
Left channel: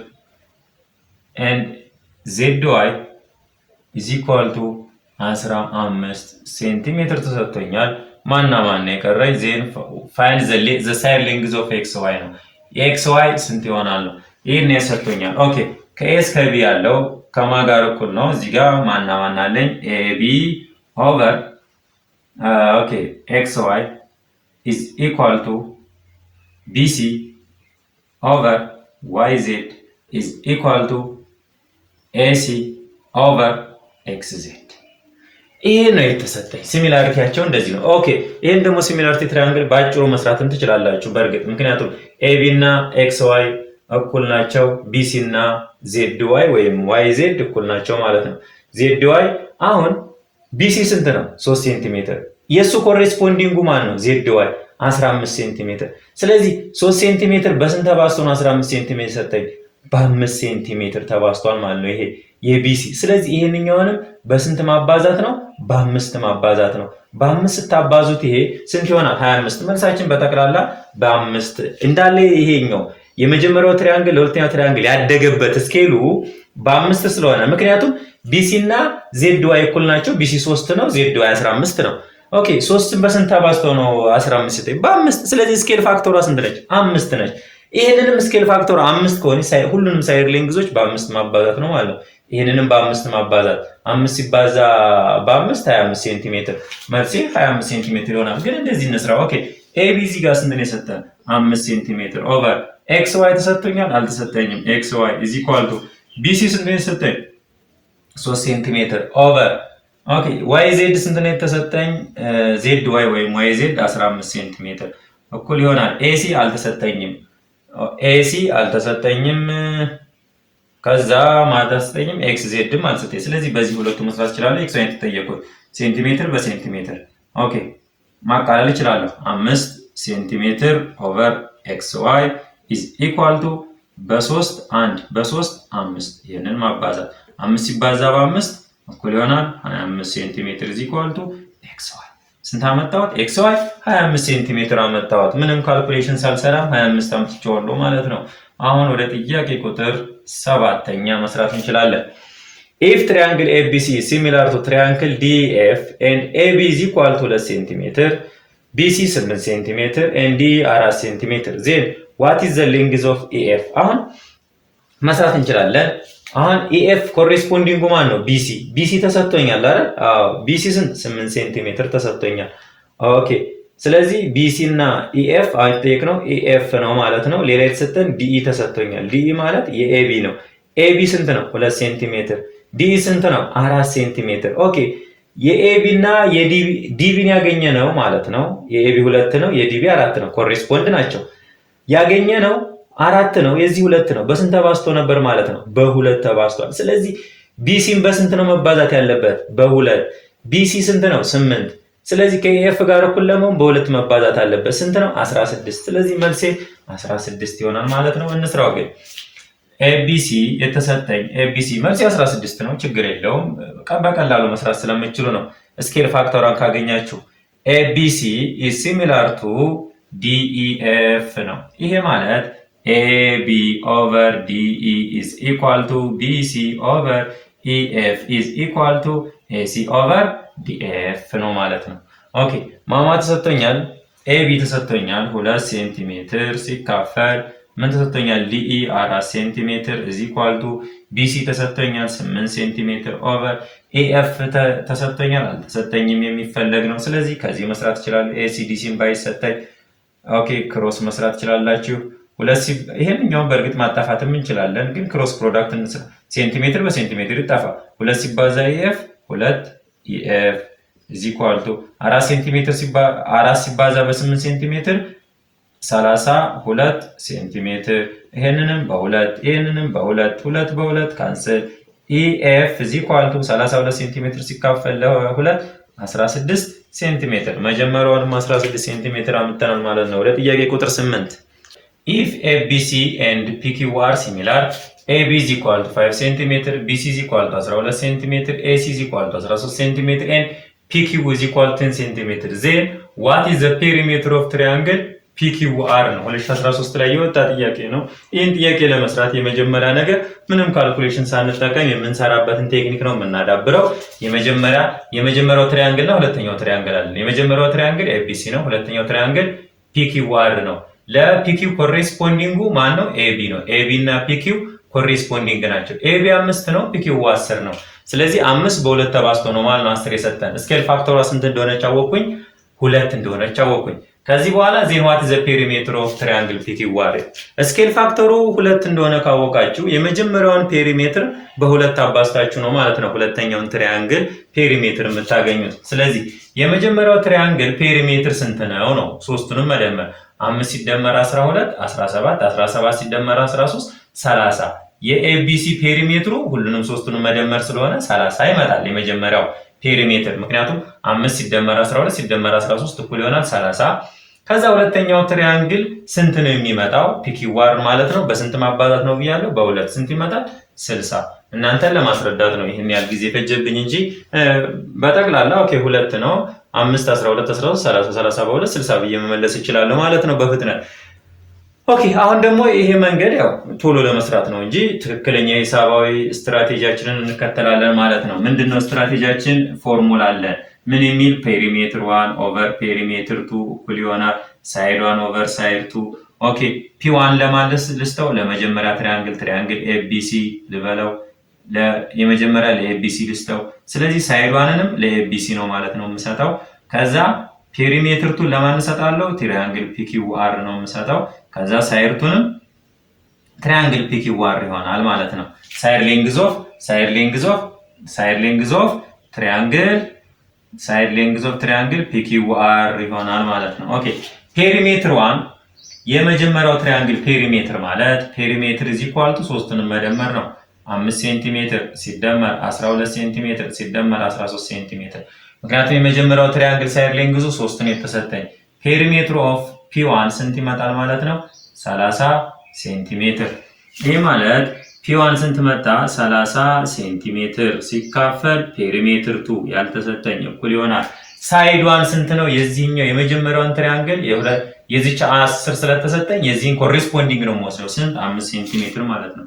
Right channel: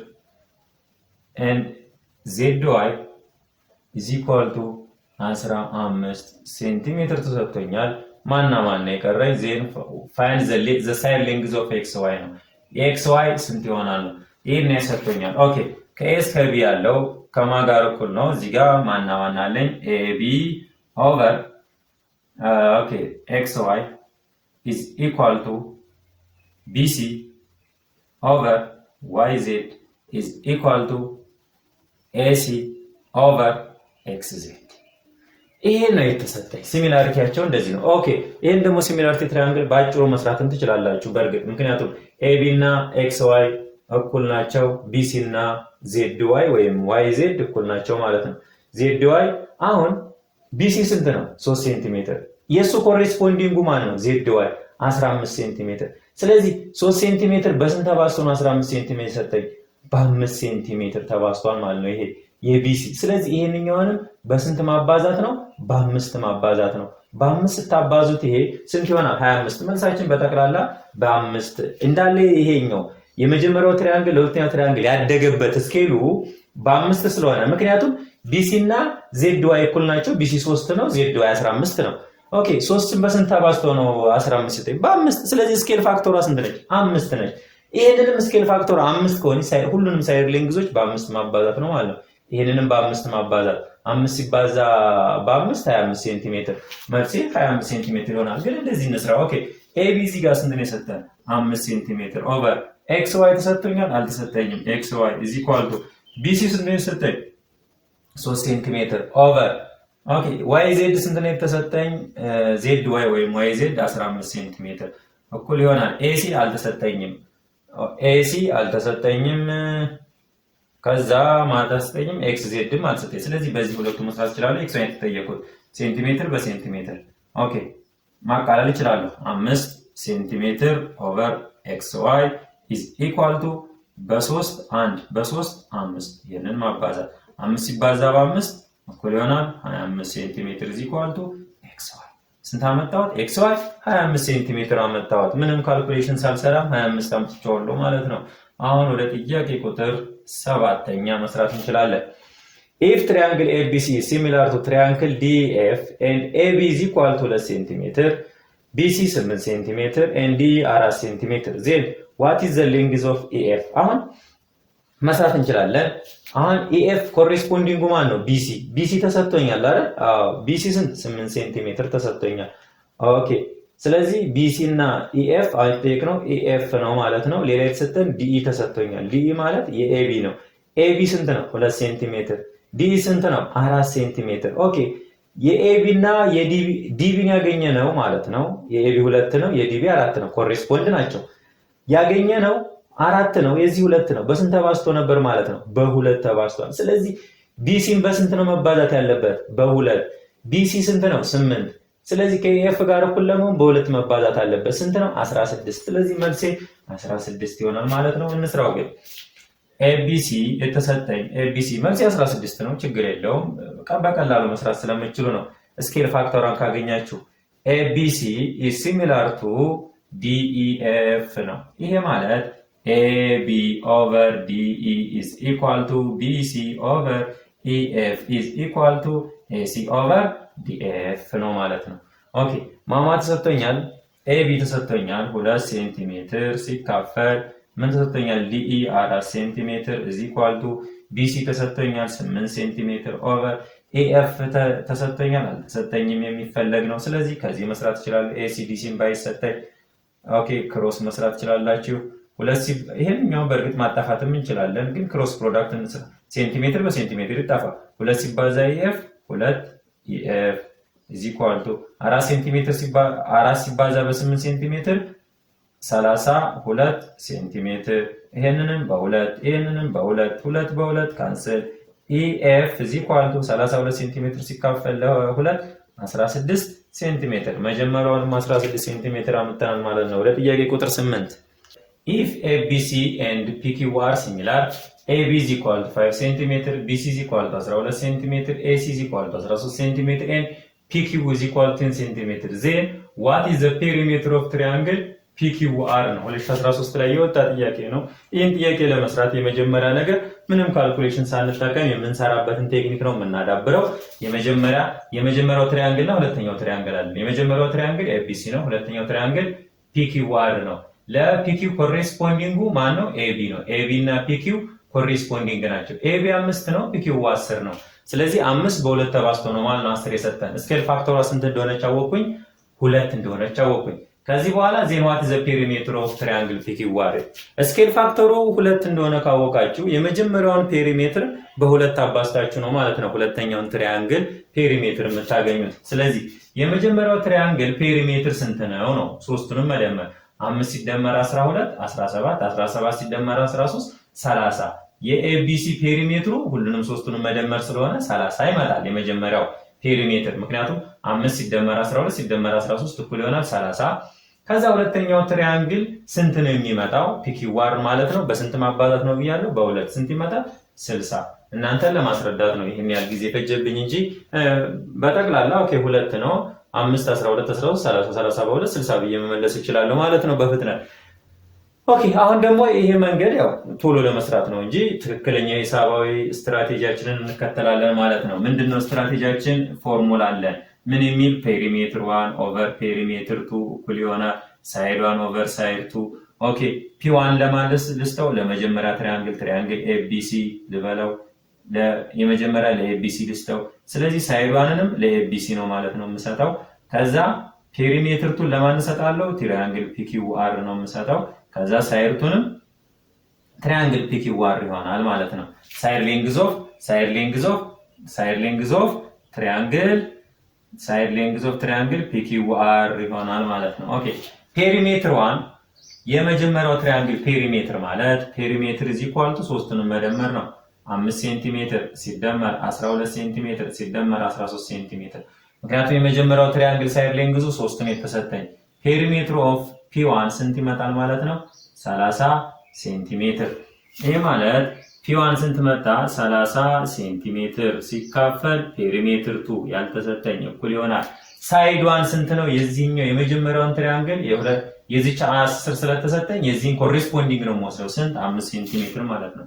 ኤንድ ዜድ ዋይ ኢዝ ኢኳል ቱ 15 ሴንቲሜትር ተሰጥቶኛል። ማና ማን የቀረኝ? ዜን ፋይንድ ዘ ሳይድ ሌንግዝ ኦፍ ኤክስ ዋይ ነው። ኤክስ ዋይ ስንት ይሆናል? ይሄን ያሰጥቶኛል። ኦኬ ከኤ እስከ ቢ ያለው ከማን ጋር እኩል ነው? እዚህ ጋር ማና ማን አለኝ? ኤቢ over okay xy is equal to bc over yz is equal to ac over xz። ይሄ ነው የተሰጠኝ። ሲሚላሪቲያቸው እንደዚህ ነው። ኦኬ ይሄን ደግሞ ሲሚላሪቲ ትራያንግል ባጭሩ መስራትም ትችላላችሁ በእርግጥ ምክንያቱም ኤቢ እና ኤክስ ዋይ እኩል ናቸው፣ ቢሲ እና ዜድ ዋይ ወይም ዋይ ዜድ እኩል ናቸው ማለት ነው። ዜድ ዋይ አሁን ቢሲ ስንት ነው? 3 ሴንቲሜትር። የእሱ ኮሬስፖንዲንጉ ማን ነው? ዜድ ዋይ 15 ሴንቲሜትር። ስለዚህ 3 ሴንቲሜትር በስንት ተባዝቶ ነው 15 ሴንቲሜትር ሰጠኝ? በ5 ሴንቲሜትር ተባዝቷል ማለት ነው ይሄ የቢሲ። ስለዚህ ይሄንኛውንም በስንት ማባዛት ነው? በ5 ማባዛት ነው። በ5 ስታባዙት ይሄ ስንት ይሆናል? 25። መልሳችን በጠቅላላ በ5 እንዳለ ይሄኛው የመጀመሪያው ትሪያንግል ለሁለተኛው ትሪያንግል ያደገበት ስኬሉ በ5 ስለሆነ ምክንያቱም ቢሲ እና ዜድ ዋይ እኩል ናቸው። ቢሲ 3 ነው፣ ዜድ ዋይ 15 ነው። ኦኬ 3ን በስንት አባዝቶ ነው 15 ይጠይ? በ5። ስለዚህ ስኬል ፋክተሯ ስንት ነች? 5 ነች። ይሄንንም ስኬል ፋክተሯ 5 ከሆነ ሁሉንም ሳይድ ሌንግዞች በ5 ማባዛት ነው ማለት ነው። ይሄንንም በ5 ማባዛት 5 ሲባዛ በ5 25 ሴንቲሜትር መልሴ 25 ሴንቲሜትር ይሆናል። ግን እንደዚህ እንስራ። ኦኬ ኤቢ እዚህ ጋር ስንት ነው የሰጠን? 5 ሴንቲሜትር ኦቨር ኤክስ ዋይ ተሰጥቶኛል? አልተሰጠኝም። ኤክስ ዋይ ኢዝ ኢኳል ቱ ቢሲ ስንት ነው የተሰጠኝ? 3 ሴንቲሜትር ኦቨር ኦኬ ዋይ ዜድ ስንት ነው የተሰጠኝ? ዜድ ዋይ ወይም ዋይ ዜድ 15 ሴንቲሜትር እኩል ይሆናል። ኤሲ አልተሰጠኝም። ኤሲ አልተሰጠኝም። ከዛ ማታስጠኝም ኤክስ ዜድም አልሰጠኝ። ስለዚህ በዚህ ሁለቱ መስራት እችላለሁ። ኤክስ ዋይ ተጠየቁት ሴንቲሜትር በሴንቲሜትር ኦኬ ማቃለል እችላለሁ። 5 ሴንቲሜትር ኦቨር ኤክስ ዋይ ኢዝ ኢኳል ቱ በ3 1 በ3 5 ይሄንን ማባዛት 5 ሲባዛ በ5 እኩል ይሆናል 25 ሴንቲሜትር ኢዝ ኢኳል ቱ ኤክስ ዋይ። ስንት አመጣሁት? ኤክስ ዋይ 25 ሴንቲሜትር አመጣሁት። ምንም ካልኩሌሽን ሳልሰራም 25 አምጥቼዋለሁ ማለት ነው። አሁን ወደ ጥያቄ ቁጥር 7ኛ መስራት እንችላለን። If triangle ABC is similar to triangle DEF and AB is equal to 2 cm, BC 8 cm and DE 4 cm, then what is the length of EF? አሁን መስራት እንችላለን። አሁን EF ኮሬስፖንዲንጉ ማን ነው? BC። BC ተሰጥቶኛል አይደል? አዎ BC ስንት? 8 ሴንቲሜትር ተሰጥቶኛል። ኦኬ ስለዚህ BC እና EF አጠየቅ ነው EF ነው ማለት ነው። ሌላ የተሰጠን DE ተሰጥቶኛል። DE ማለት የኤቢ ነው። ኤቢ ስንት ነው? 2 ሴንቲሜትር። ዲኢ ስንት ነው? 4 ሴንቲሜትር። ኦኬ የኤቢ እና የዲቢን ያገኘ ነው ማለት ነው። የኤቢ 2 ነው፣ የዲቢ 4 ነው። ኮሬስፖንድ ናቸው። ያገኘ ነው 4 ነው፣ የዚህ 2 ነው። በስንት ተባዝቶ ነበር ማለት ነው? በ2 ተባዝቷል። ስለዚህ ቢሲን በስንት ነው መባዛት ያለበት? በ2። ቢሲ ስንት ነው? 8። ስለዚህ ከኤፍ ጋር እኩል ለመሆን በ2 መባዛት አለበት። ስንት ነው? 16። ስለዚህ መልሴ 16 ይሆናል ማለት ነው። እንስራው ግን ኤቢሲ የተሰጠኝ ኤቢሲ መልስ 16 ነው። ችግር የለውም በቀላሉ መስራት ስለምችሉ ነው። ስኬል ፋክተሯን ካገኛችሁ ኤቢሲ ኢዝ ሲሚላር ቱ ዲኢኤፍ ነው። ይሄ ማለት ኤቢ ኦቨር ዲኢ ኢዝ ኢኳል ቱ ቢሲ ኦቨር ኢኤፍ ኢዝ ኢኳል ቱ ኤሲ ኦቨር ዲኤፍ ነው ማለት ነው። ኦኬ ማማ ተሰጥቶኛል። ኤቢ ተሰጥቶኛል 2 ሴንቲሜትር ሲካፈል ምን ተሰጥቶኛል? ዲኢ 4 ሴንቲሜትር ኢዝ ኢኳል ቱ ቢሲ ተሰጥቶኛል 8 ሴንቲሜትር ኦቨር ኤኤፍ ተሰጥቶኛል አልተሰጠኝም የሚፈለግ ነው። ስለዚህ ከዚህ መስራት ይችላል። ኤሲ ዲሲን ባይሰጠኝ ኦኬ ክሮስ መስራት ይችላላችሁ። ይሄንኛውን በእርግጥ ማጣፋትም እንችላለን፣ ግን ክሮስ ፕሮዳክት እንስራ። ሴንቲሜትር በሴንቲሜትር ይጣፋ። 2 ሲባዛ ኤኤፍ 2 ኤኤፍ ኢዝ ኢኳል ቱ 4 ሴንቲሜትር 4 ሲባዛ በ8 ሴንቲሜትር 32 ሴንቲሜትር። ይሄንንም በ2 ይሄንንም በ2 2 በ2 ካንሰል። ኢኤፍ ኢዝ ኢኳል ቱ 32 ሴንቲሜትር ሲካፈል ለ2 16 ሴንቲሜትር። መጀመሪያውንም 16 ሴንቲሜትር አምጥተናል ማለት ነው። ወደ ጥያቄ ቁጥር 8 if ABC and PQ are similar, AB is equal to 5 cm, BC is equal to 12 cm, AC is equal to 13 cm and PQ is equal to 10 cm, then what is the perimeter of triangle PQR ነው? 2013 ላይ የወጣ ጥያቄ ነው። ይህን ጥያቄ ለመስራት የመጀመሪያ ነገር ምንም ካልኩሌሽን ሳንጠቀም የምንሰራበትን ቴክኒክ ነው የምናዳብረው። የመጀመሪያው ትሪያንግል እና ሁለተኛው ትሪያንግል አለ። የመጀመሪያው ትሪያንግል ኤቢሲ ነው። ሁለተኛው ትሪያንግል PQR ነው። ለፒኪው ኮሬስፖንዲንጉ ማን ነው? ኤቢ ነው። ኤቢ እና ፒኪው ኮሬስፖንዲንግ ናቸው። ኤቢ 5 ነው፣ ፒኪው 10 ነው። ስለዚህ 5 በ2 ተባዝቶ ነው ማለት ነው 10 የሰጠን። ስኬል ፋክተሯ ስንት እንደሆነች አወቅኩኝ? 2 እንደሆነች አወቅኩኝ። ከዚህ በኋላ ዜን ዋት ዘ ፔሪሜትር ኦፍ ትራያንግል ፒኪዋር ስኬል ፋክተሩ 2 እንደሆነ ካወቃችሁ የመጀመሪያውን ፔሪሜትር በሁለት አባዝታችሁ ነው ማለት ነው ሁለተኛውን ትራያንግል ፔሪሜትር የምታገኙት። ስለዚህ የመጀመሪያው ትራያንግል ፔሪሜትር ስንት ነው? ሶስቱንም መደመር 5 ሲደመር 12 17 17 ሲደመር 13 30 የኤቢሲ ፔሪሜትሩ ሁሉንም ሶስቱንም መደመር ስለሆነ 30 ይመጣል የመጀመሪያው ፔሪሜትር። ምክንያቱም 5 ሲደመር 12 ሲደመር 13 እኩል ይሆናል 30። ከዛ ሁለተኛው ትራያንግል ስንት ነው የሚመጣው? ፒኪዋር ማለት ነው። በስንት ማባዛት ነው ብያለሁ? በሁለት። ስንት ይመጣል? 60። እናንተን ለማስረዳት ነው ይሄን ያህል ጊዜ ፈጀብኝ እንጂ በጠቅላላ ኦኬ 2 ነው 5 12 13 30 30 በ2 60 ብዬ መመለስ ይችላል ማለት ነው በፍጥነት። ኦኬ አሁን ደግሞ ይሄ መንገድ ያው ቶሎ ለመስራት ነው እንጂ ትክክለኛ ሂሳባዊ ስትራቴጂያችንን እንከተላለን ማለት ነው። ምንድነው ስትራቴጂያችን? ፎርሙላ አለ። ምን የሚል? ፔሪሜትር 1 ኦቨር ፔሪሜትር 2 እኩል ይሆናል ሳይድ 1 ኦቨር ሳይድ 2። ኦኬ ፒ1 ለማለት ልስተው ለመጀመሪያ ትራያንግል ኤቢሲ ልበለው፣ የመጀመሪያ ለኤቢሲ ልስተው። ስለዚህ ሳይድ 1ንም ለኤቢሲ ነው ማለት ነው የምሰጠው። ከዛ ፔሪሜትር 2 ለማን እሰጣለሁ? ትራያንግል ፒኪዋር ነው የምሰጠው። ከዛ ሳይድ 2ንም ትራያንግል ፒኪዋር ይሆናል ማለት ነው። ሳይድ ሌንግዝ ኦፍ ትራያንግል ፒኪዋር ይሆናል ማለት ነው። ኦኬ ፔሪሜትር 1 የመጀመሪያው ትራያንግል ፔሪሜትር ማለት ፔሪሜትር ኢዝ ኢኳል ቱ ሶስቱንም መደመር ነው 5 ሴንቲሜትር ሲደመር 12 ሴንቲሜትር ሲደመር 13 ሴንቲሜትር። ምክንያቱም የመጀመሪያው ትራያንግል ሳይድ ሌንግዙ 3 ነው የተሰጠኝ። ፔሪሜትር ኦፍ ፒ1 ስንት ይመጣል ማለት ነው? 30 ሴንቲሜትር። ይሄ ማለት ፒ1 ስንት መጣ? 30 ሴንቲሜትር ሲካፈል ፔሪሜትር 2 ያልተሰጠኝ እኩል ይሆናል ሳይድ 1 ስንት ነው? የዚህኛው የመጀመሪያውን ትራያንግል የዚች 10 ስለተሰጠኝ የዚህን ኮሬስፖንዲንግ ነው የምወስደው። ስንት? 5 ሴንቲሜትር ማለት ነው።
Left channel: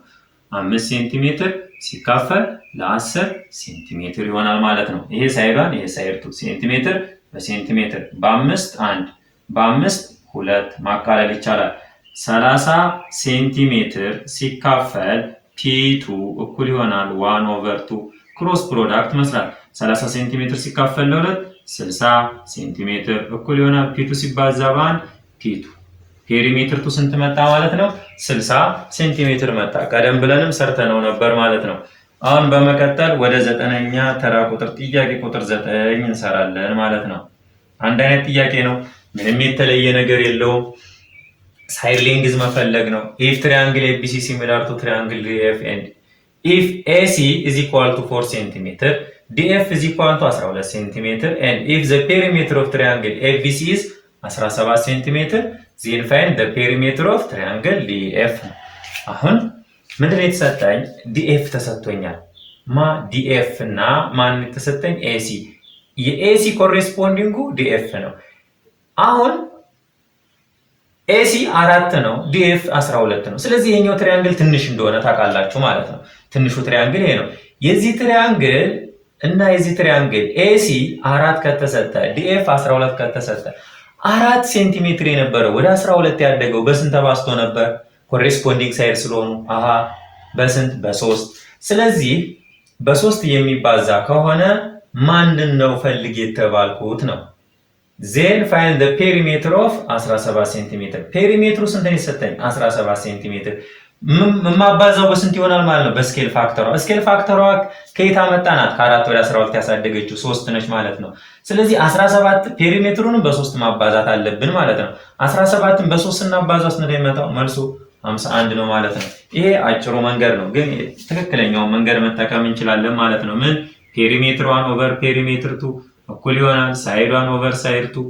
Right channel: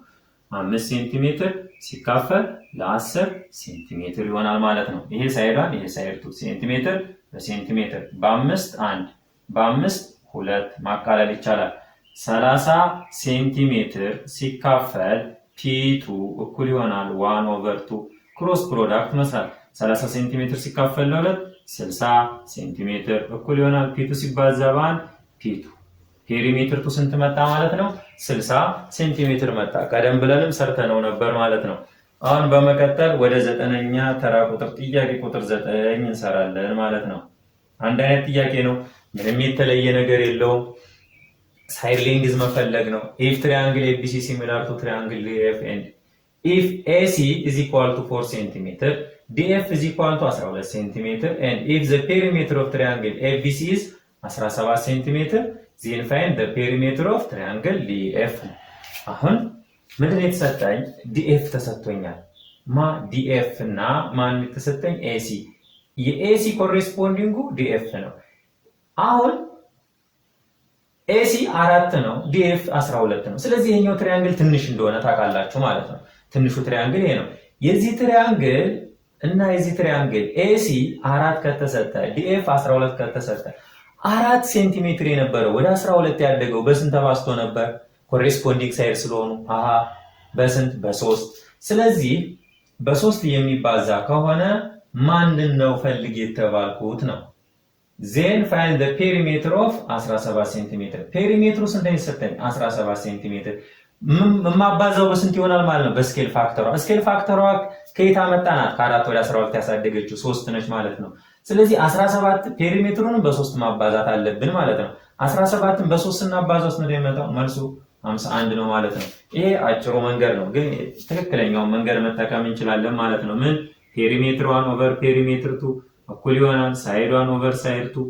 5 ሴንቲሜትር ሲካፈል ለ10 ሴንቲሜትር ይሆናል ማለት ነው። ይሄ ሳይድ 1 ይሄ ሳይድ 2 ሴንቲሜትር በሴንቲሜትር በ5 1 በ5 2 ማቃለል ይቻላል። 30 ሴንቲሜትር ሲካፈል ፒ2 እኩል ይሆናል 1 ኦቨር 2 ክሮስ ፕሮዳክት መስራት 30 ሴንቲሜትር ሲካፈል ለ2 60 ሴንቲሜትር እኩል ይሆናል ፒ2 ሲባዛ በ1 ፒ2። ፔሪሜትር 2 ስንት መጣ ማለት ነው? 60 ሴንቲሜትር መጣ። ቀደም ብለንም ሰርተነው ነበር ማለት ነው። አሁን በመቀጠል ወደ 9ኛ ተራ ቁጥር ጥያቄ ቁጥር 9 እንሰራለን ማለት ነው። አንድ አይነት ጥያቄ ነው። ምንም የተለየ ነገር የለውም። ሳይድ ሌንግዝ መፈለግ ነው። ኢፍ ትራያንግል ኤቢሲ ሲሚላር ቱ ትራያንግል ዲኤፍ ኤንድ ኢፍ ኤሲ ኢዝ ኢኳል ቱ 4 ሴንቲሜትር ዲኤፍ ኢዝ ኢኳል ቱ 12 ሴንቲሜትር ኤንድ ኢፍ ዘ ፔሪሜትር ኦፍ ትራያንግል ኤቢሲ ኢዝ 17 ሴንቲሜትር ዜን ፋይንድ ዘ ፔሪሜትር ኦፍ ትራያንግል ዲኤፍ። አሁን ምንድነው የተሰጠኝ? ዲኤፍ ተሰጥቶኛል። ዲኤፍ እና ማን የተሰጠኝ? ኤሲ። የኤሲ ኮሬስፖንዲንጉ ዲኤፍ ነው። አሁን ኤሲ 4 ነው፣ ዲኤፍ 12 ነው። ስለዚህ ይሄኛው ትራያንግል ትንሽ እንደሆነ ታውቃላችሁ ማለት ነው። ትንሹ ትራያንግል ይሄ ነው። የዚህ ትራያንግል እና የዚህ ትራያንግል ኤሲ 4 ከተሰጠ ዲኤፍ 12 ከተሰጠ 4 ሴንቲሜትር የነበረው ወደ 12 ያደገው በስንት ተባዝቶ ነበር? ኮሬስፖንዲንግ ሳይድ ስለሆኑ በስንት? በ3። ስለዚህ በ3 የሚባዛ ከሆነ ማንን ነው ፈልግ የተባልኩት ነው። ዜን ፋይንድ ዘ ፔሪሜትር ኦፍ 17 ሴንቲሜትር። ፔሪሜትሩ ስንት ነው የሰጠኝ? 17 ሴንቲሜትር። ማባዛው በስንት ይሆናል ማለት ነው? በስኬል ፋክተሯ። ስኬል ፋክተሯ ከየት አመጣናት? ከ4 ወደ 12 ያሳደገችው 3 ነች ማለት ነው። ስለዚህ 17 ፔሪሜትሩንም በ3 ማባዛት አለብን ማለት ነው። 17ን በ3 ስናባዛው ስንት ነው የሚመጣው? መልሱ 51 ነው ማለት ነው። ይሄ አጭሩ መንገድ ነው፣ ግን ትክክለኛውን መንገድ መጠቀም እንችላለን ማለት ነው። ምን? ፔሪሜትር 1 ኦቨር ፔሪሜትር 2 እኩል ይሆናል ሳይድ 1 ኦቨር ሳይድ 2።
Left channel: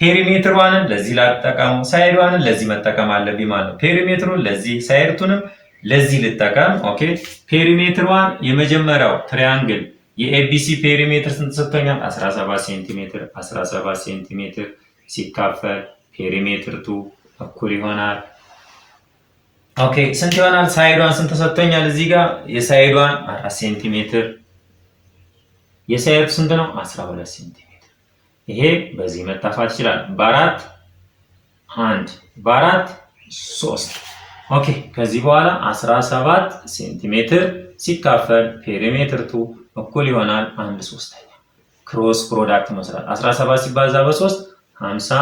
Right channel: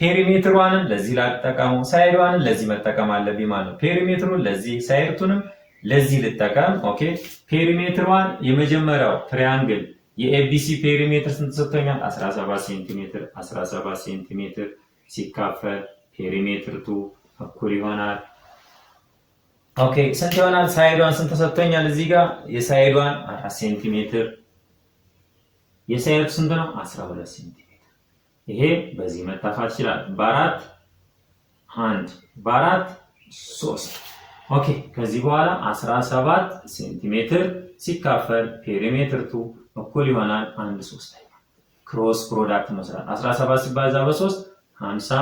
ፔሪሜትር 1ን ለዚህ ላጠቀሙ፣ ሳይድ 1ን ለዚህ መጠቀም አለብኝ ማለት ነው። ፔሪሜትሩን ለዚህ፣ ሳይድ 2ንም ለዚህ ልጠቀም። ኦኬ ፔሪሜትር 1 የመጀመሪያው ትራያንግል የኤቢሲ ፔሪሜትር ስንት ሰጥቶኛል? 17 ሴንቲሜትር። 17 ሴንቲሜትር ሲካፈል ፔሪሜትር 2 እኩል ይሆናል ኦኬ ስንት ይሆናል? ሳይድ 1 ስንት ሰጥቶኛል? እዚህ ጋር የሳይድ 1 4 ሴንቲሜትር፣ የሳይድ ስንት ነው? 12 ሴንቲሜትር። ይሄ በዚህ መጣፋት ይችላል። በ4 1 በ4 3 ኦኬ። ከዚህ በኋላ 17 ሴንቲሜትር ሲካፈል ፔሪሜትር 2 እኩል ይሆናል 1/3። ክሮስ ፕሮዳክት መስራት 17 ሲባዛ በ3 50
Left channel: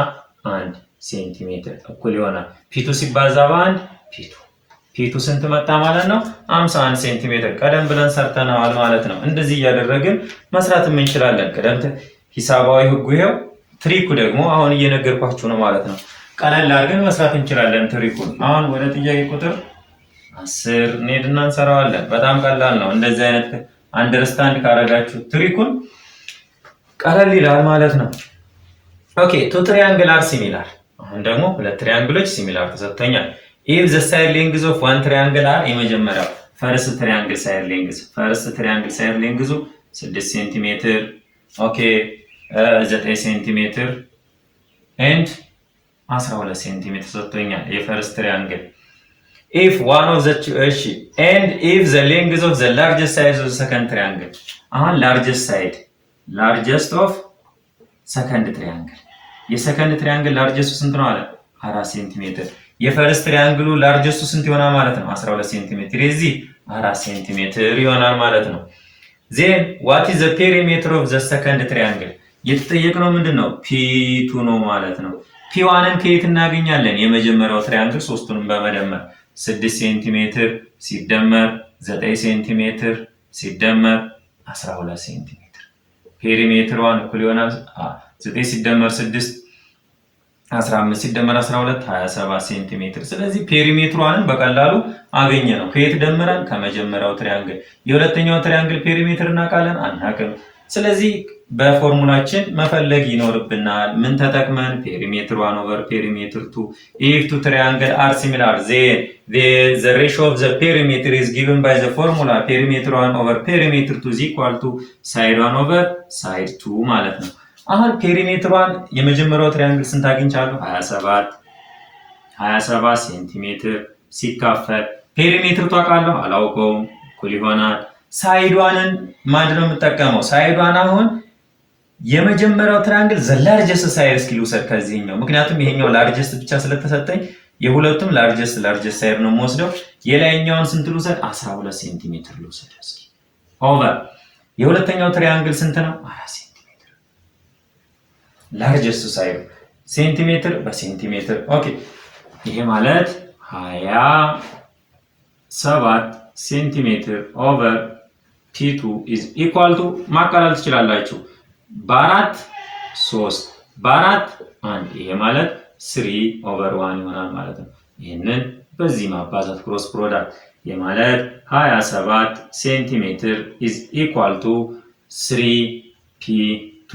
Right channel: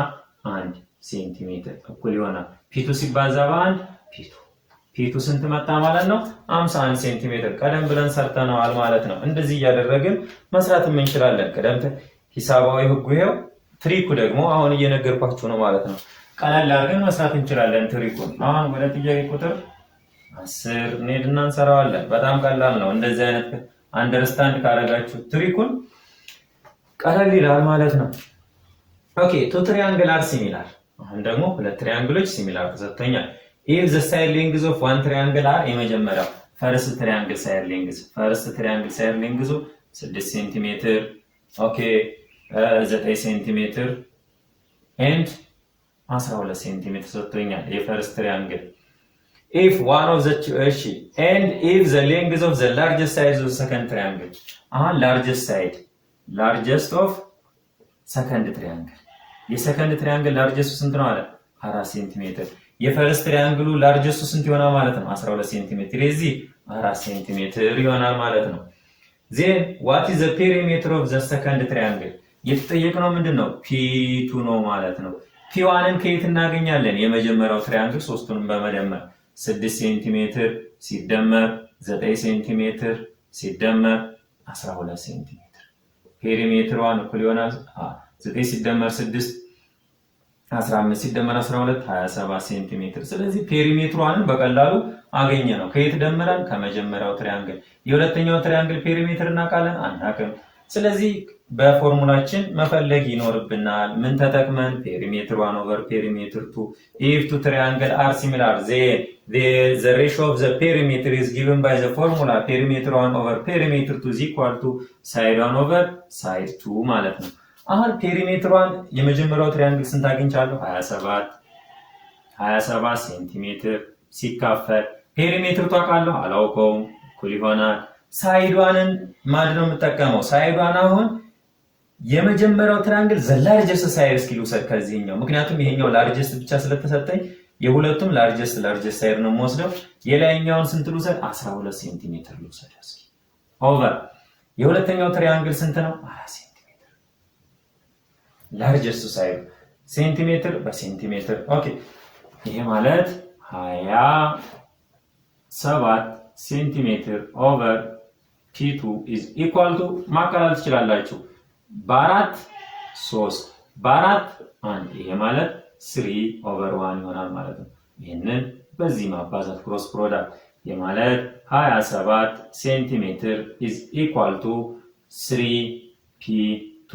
1 ሴንቲሜትር እኩል ይሆናል ፒ2 ሲባዛ በ1 ፒ2 ስንት መጣ ማለት ነው? 51 ሴንቲሜትር። ቀደም ብለን ሰርተናል ማለት ነው። እንደዚህ እያደረግን መስራት እንችላለን። ሂሳባዊ ህጉ ይሄው፣ ትሪኩ ደግሞ አሁን እየነገርኳችሁ ነው ማለት ነው። ቀለል አድርገን መስራት እንችላለን ትሪኩን። አሁን ወደ ጥያቄ ቁጥር 10 እንሄድና እንሰራዋለን። በጣም ቀላል ነው። እንደዚህ አይነት አንደርስታንድ ካረጋችሁ ትሪኩን ቀለል ይላል ማለት ነው። ኦኬ ቱ ትሪያንግል አር ሲሚላር። አሁን ደግሞ ሁለት ትሪያንግሎች ሲሚላር ተሰጥተኛል። ኢፍ ዘ ሳይድ ሌንግዝ ኦፍ ዋን ትሪያንግል አር የመጀመሪያው ፈርስት ትሪያንግል ሳይድ ሌንግዙ 6 ሴንቲሜትር ኦኬ 9 ሴንቲሜትር ኤንድ 12 ሴንቲሜትር ሰጥቶኛል የፈርስት ትሪያንግል። if one of the and if the length of the largest side of the second triangle አሁን largest of second triangle የሰከንድ ትሪያንግል ላርጀስቱ ስንት ነው አለ 4 ሴንቲሜትር። የፈርስት ትሪያንግሉ ላርጀስቱ ስንት ይሆናል ማለት ነው 12 ሴንቲሜትር። የዚህ 4 ሴንቲሜትር ይሆናል ማለት ነው። then what is the perimeter of the second triangle የተጠየቅነው ምንድነው P2 ነው ማለት ነው። P1ን ከየት እናገኛለን? የመጀመሪያው ትሪያንግል ሶስቱንም በመደመር 6 ሴንቲሜትር ሲደመር 9 ሴንቲሜትር ሲደመር 12 ሴንቲሜትር ፔሪሜትሯን እኩል ይሆናል 9 ሲደመር 6 15 ሲደመር 12 27 ሴንቲሜትር። ስለዚህ ፔሪሜትሯን በቀላሉ አገኘ ነው። ከየት ደምረን? ከመጀመሪያው ትሪያንግል። የሁለተኛው ትሪያንግል ፔሪሜትር እናውቃለን? አናውቅም። ስለዚህ በፎርሙላችን መፈለግ ይኖርብናል። ምን ተጠቅመን? ፔሪሜትር 1 ኦቨር ፔሪሜትር 2 if two triangles are similar then the ratio of the perimeter is given by the formula perimeter 1 over perimeter 2 is equal to side 1 over side 2 ማለት ነው። አሁን ፔሪሜትር 1 የመጀመሪያው ትሪያንግል ስንት አግኝቻለሁ? 27 ሴንቲሜትር ሲካፈል ፔሪሜትር ታውቃለሁ? አላውቀውም። እኩል ይሆናል ሳይዷንን ማድረግ የምጠቀመው ሳይዷን አሁን የመጀመሪያው ትሪያንግል ዘ ላርጀስት ሳይድ እስኪ ልውሰድ ከዚህኛው፣ ምክንያቱም ይሄኛው ላርጀስት ብቻ ስለተሰጠኝ የሁለቱም ላርጀስት ሳይድ ነው የምወስደው። የላይኛውን ስንት ልውሰድ? 12 ሴንቲሜትር ልውሰድ እስኪ ኦቨር የሁለተኛው ትሪያንግል ስንት ነው? 4 ሴንቲሜትር ላርጀስት ሳይድ ሴንቲሜትር በሴንቲሜትር ኦኬ። ይሄ ማለት 27 ሴንቲሜትር ኦቨር P2 is equal to ማቃለል ትችላላችሁ። በ4 3 በ4 1 ይሄ ማለት 3 ኦቨር 1 ይሆናል ማለት ነው። ይሄንን በዚህ ማባዛት ክሮስ ፕሮዳክት የማለት 27 ሴንቲሜትር is equal to 3P2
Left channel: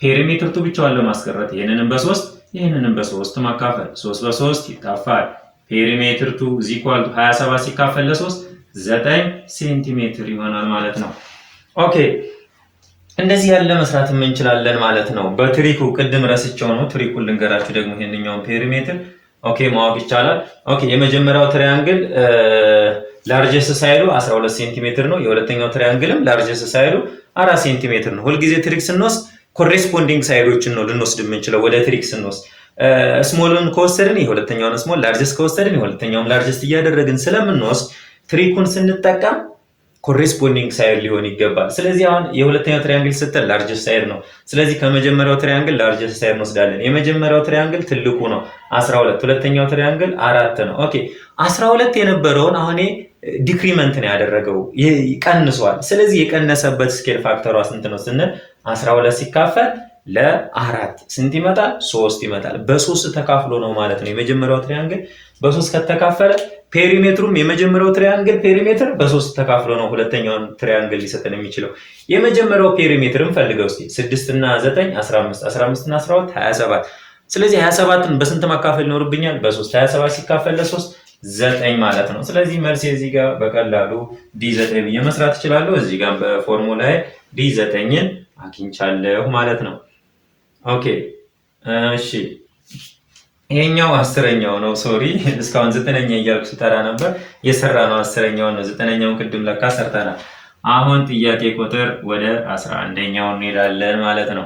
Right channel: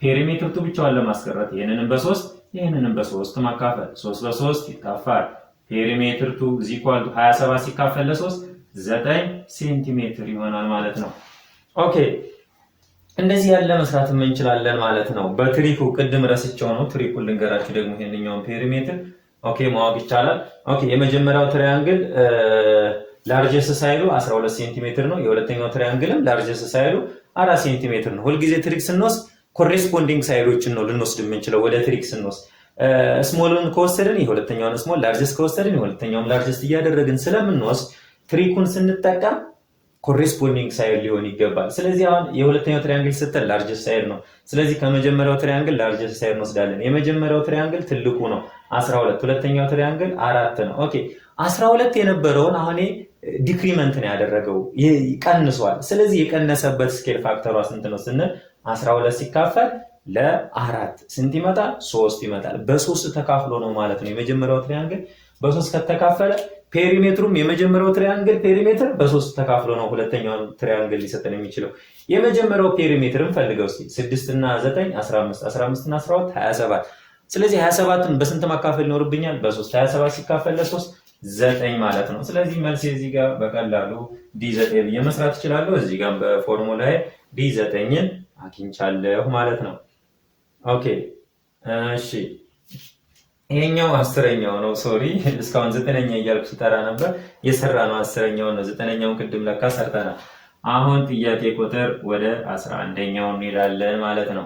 ፔሪሜትር 2 ብቻውን ለማስቀረት ይሄንንም በ3 ይሄንንም በ3 ማካፈል 3 በ3 ይካፋል ፔሪሜትር 2 is equal to 27 ሲካፈል ለ3 9 ሴንቲሜትር ይሆናል ማለት ነው። ኦኬ እንደዚህ ያለ መስራት እንችላለን ማለት ነው። በትሪኩ ቅድም ረስቸው ነው ትሪኩን ልንገራችሁ ደግሞ ይሄንኛውን ፔሪሜትር ኦኬ ማወቅ ይቻላል። ኦኬ የመጀመሪያው ትሪያንግል ላርጀስት ሳይዱ 12 ሴንቲሜትር ነው። የሁለተኛው ትሪያንግልም ላርጀስት ሳይዱ 4 ሴንቲሜትር ነው። ሁልጊዜ ትሪክ ስንወስድ ኮሬስፖንዲንግ ሳይዶችን ነው ልንወስድ የምንችለው። ወደ ትሪክ ስንወስድ ስሞልን ከወሰድን የሁለተኛውን ስሞል፣ ላርጀስት ከወሰድን የሁለተኛውን ላርጀስት እያደረግን ስለምንወስድ ትሪኩን ስንጠቀም ኮሬስፖንዲንግ ሳይድ ሊሆን ይገባል። ስለዚህ አሁን የሁለተኛው ትሪያንግል ስትል ላርጀስት ሳይድ ነው። ስለዚህ ከመጀመሪያው ትሪያንግል ላርጀስት ሳይድ እንወስዳለን። የመጀመሪያው ትሪያንግል ትልቁ ነው 12፣ ሁለተኛው ትሪያንግል 4 ነው። ኦኬ 12 የነበረውን አሁን ዲክሪመንት ነው ያደረገው ይቀንሷል። ስለዚህ የቀነሰበት ስኬል ፋክተሯ ስንት ነው ስንል 12 ሲካፈል ለ4 ስንት ይመጣል? 3 ይመጣል። በ3 ተካፍሎ ነው ማለት ነው። የመጀመሪያው ትሪያንግል በ3 ከተካፈለ ፔሪሜትሩም የመጀመሪያው ትሪያንግል ፔሪሜትር በ3 ተካፍሎ ነው ሁለተኛውን ትሪያንግል ሊሰጠን የሚችለው። የመጀመሪያው ፔሪሜትርን ፈልገው እስቲ 6 እና 9 15 15 እና 12 27። ስለዚህ 27ን በስንት ማካፈል ይኖርብኛል? በ3 27 ሲካፈል ለ3 9 ማለት ነው። ስለዚህ መልስ እዚህ ጋር በቀላሉ D9 ብዬ መስራት እችላለሁ። እዚህ ጋር በፎርሙላ D9ን አግኝቻለሁ ማለት ነው። ኦኬ እሺ ይሄኛው 10ኛው ነው። ሶሪ እስካሁን 9ኛ እያልኩ ስጠራ ነበር። የሰራነው 10ኛው ነው። 9ኛውን ቅድም ለካ ሰርተናል። አሁን ጥያቄ ቁጥር ወደ 11ኛው እንሄዳለን ማለት ነው።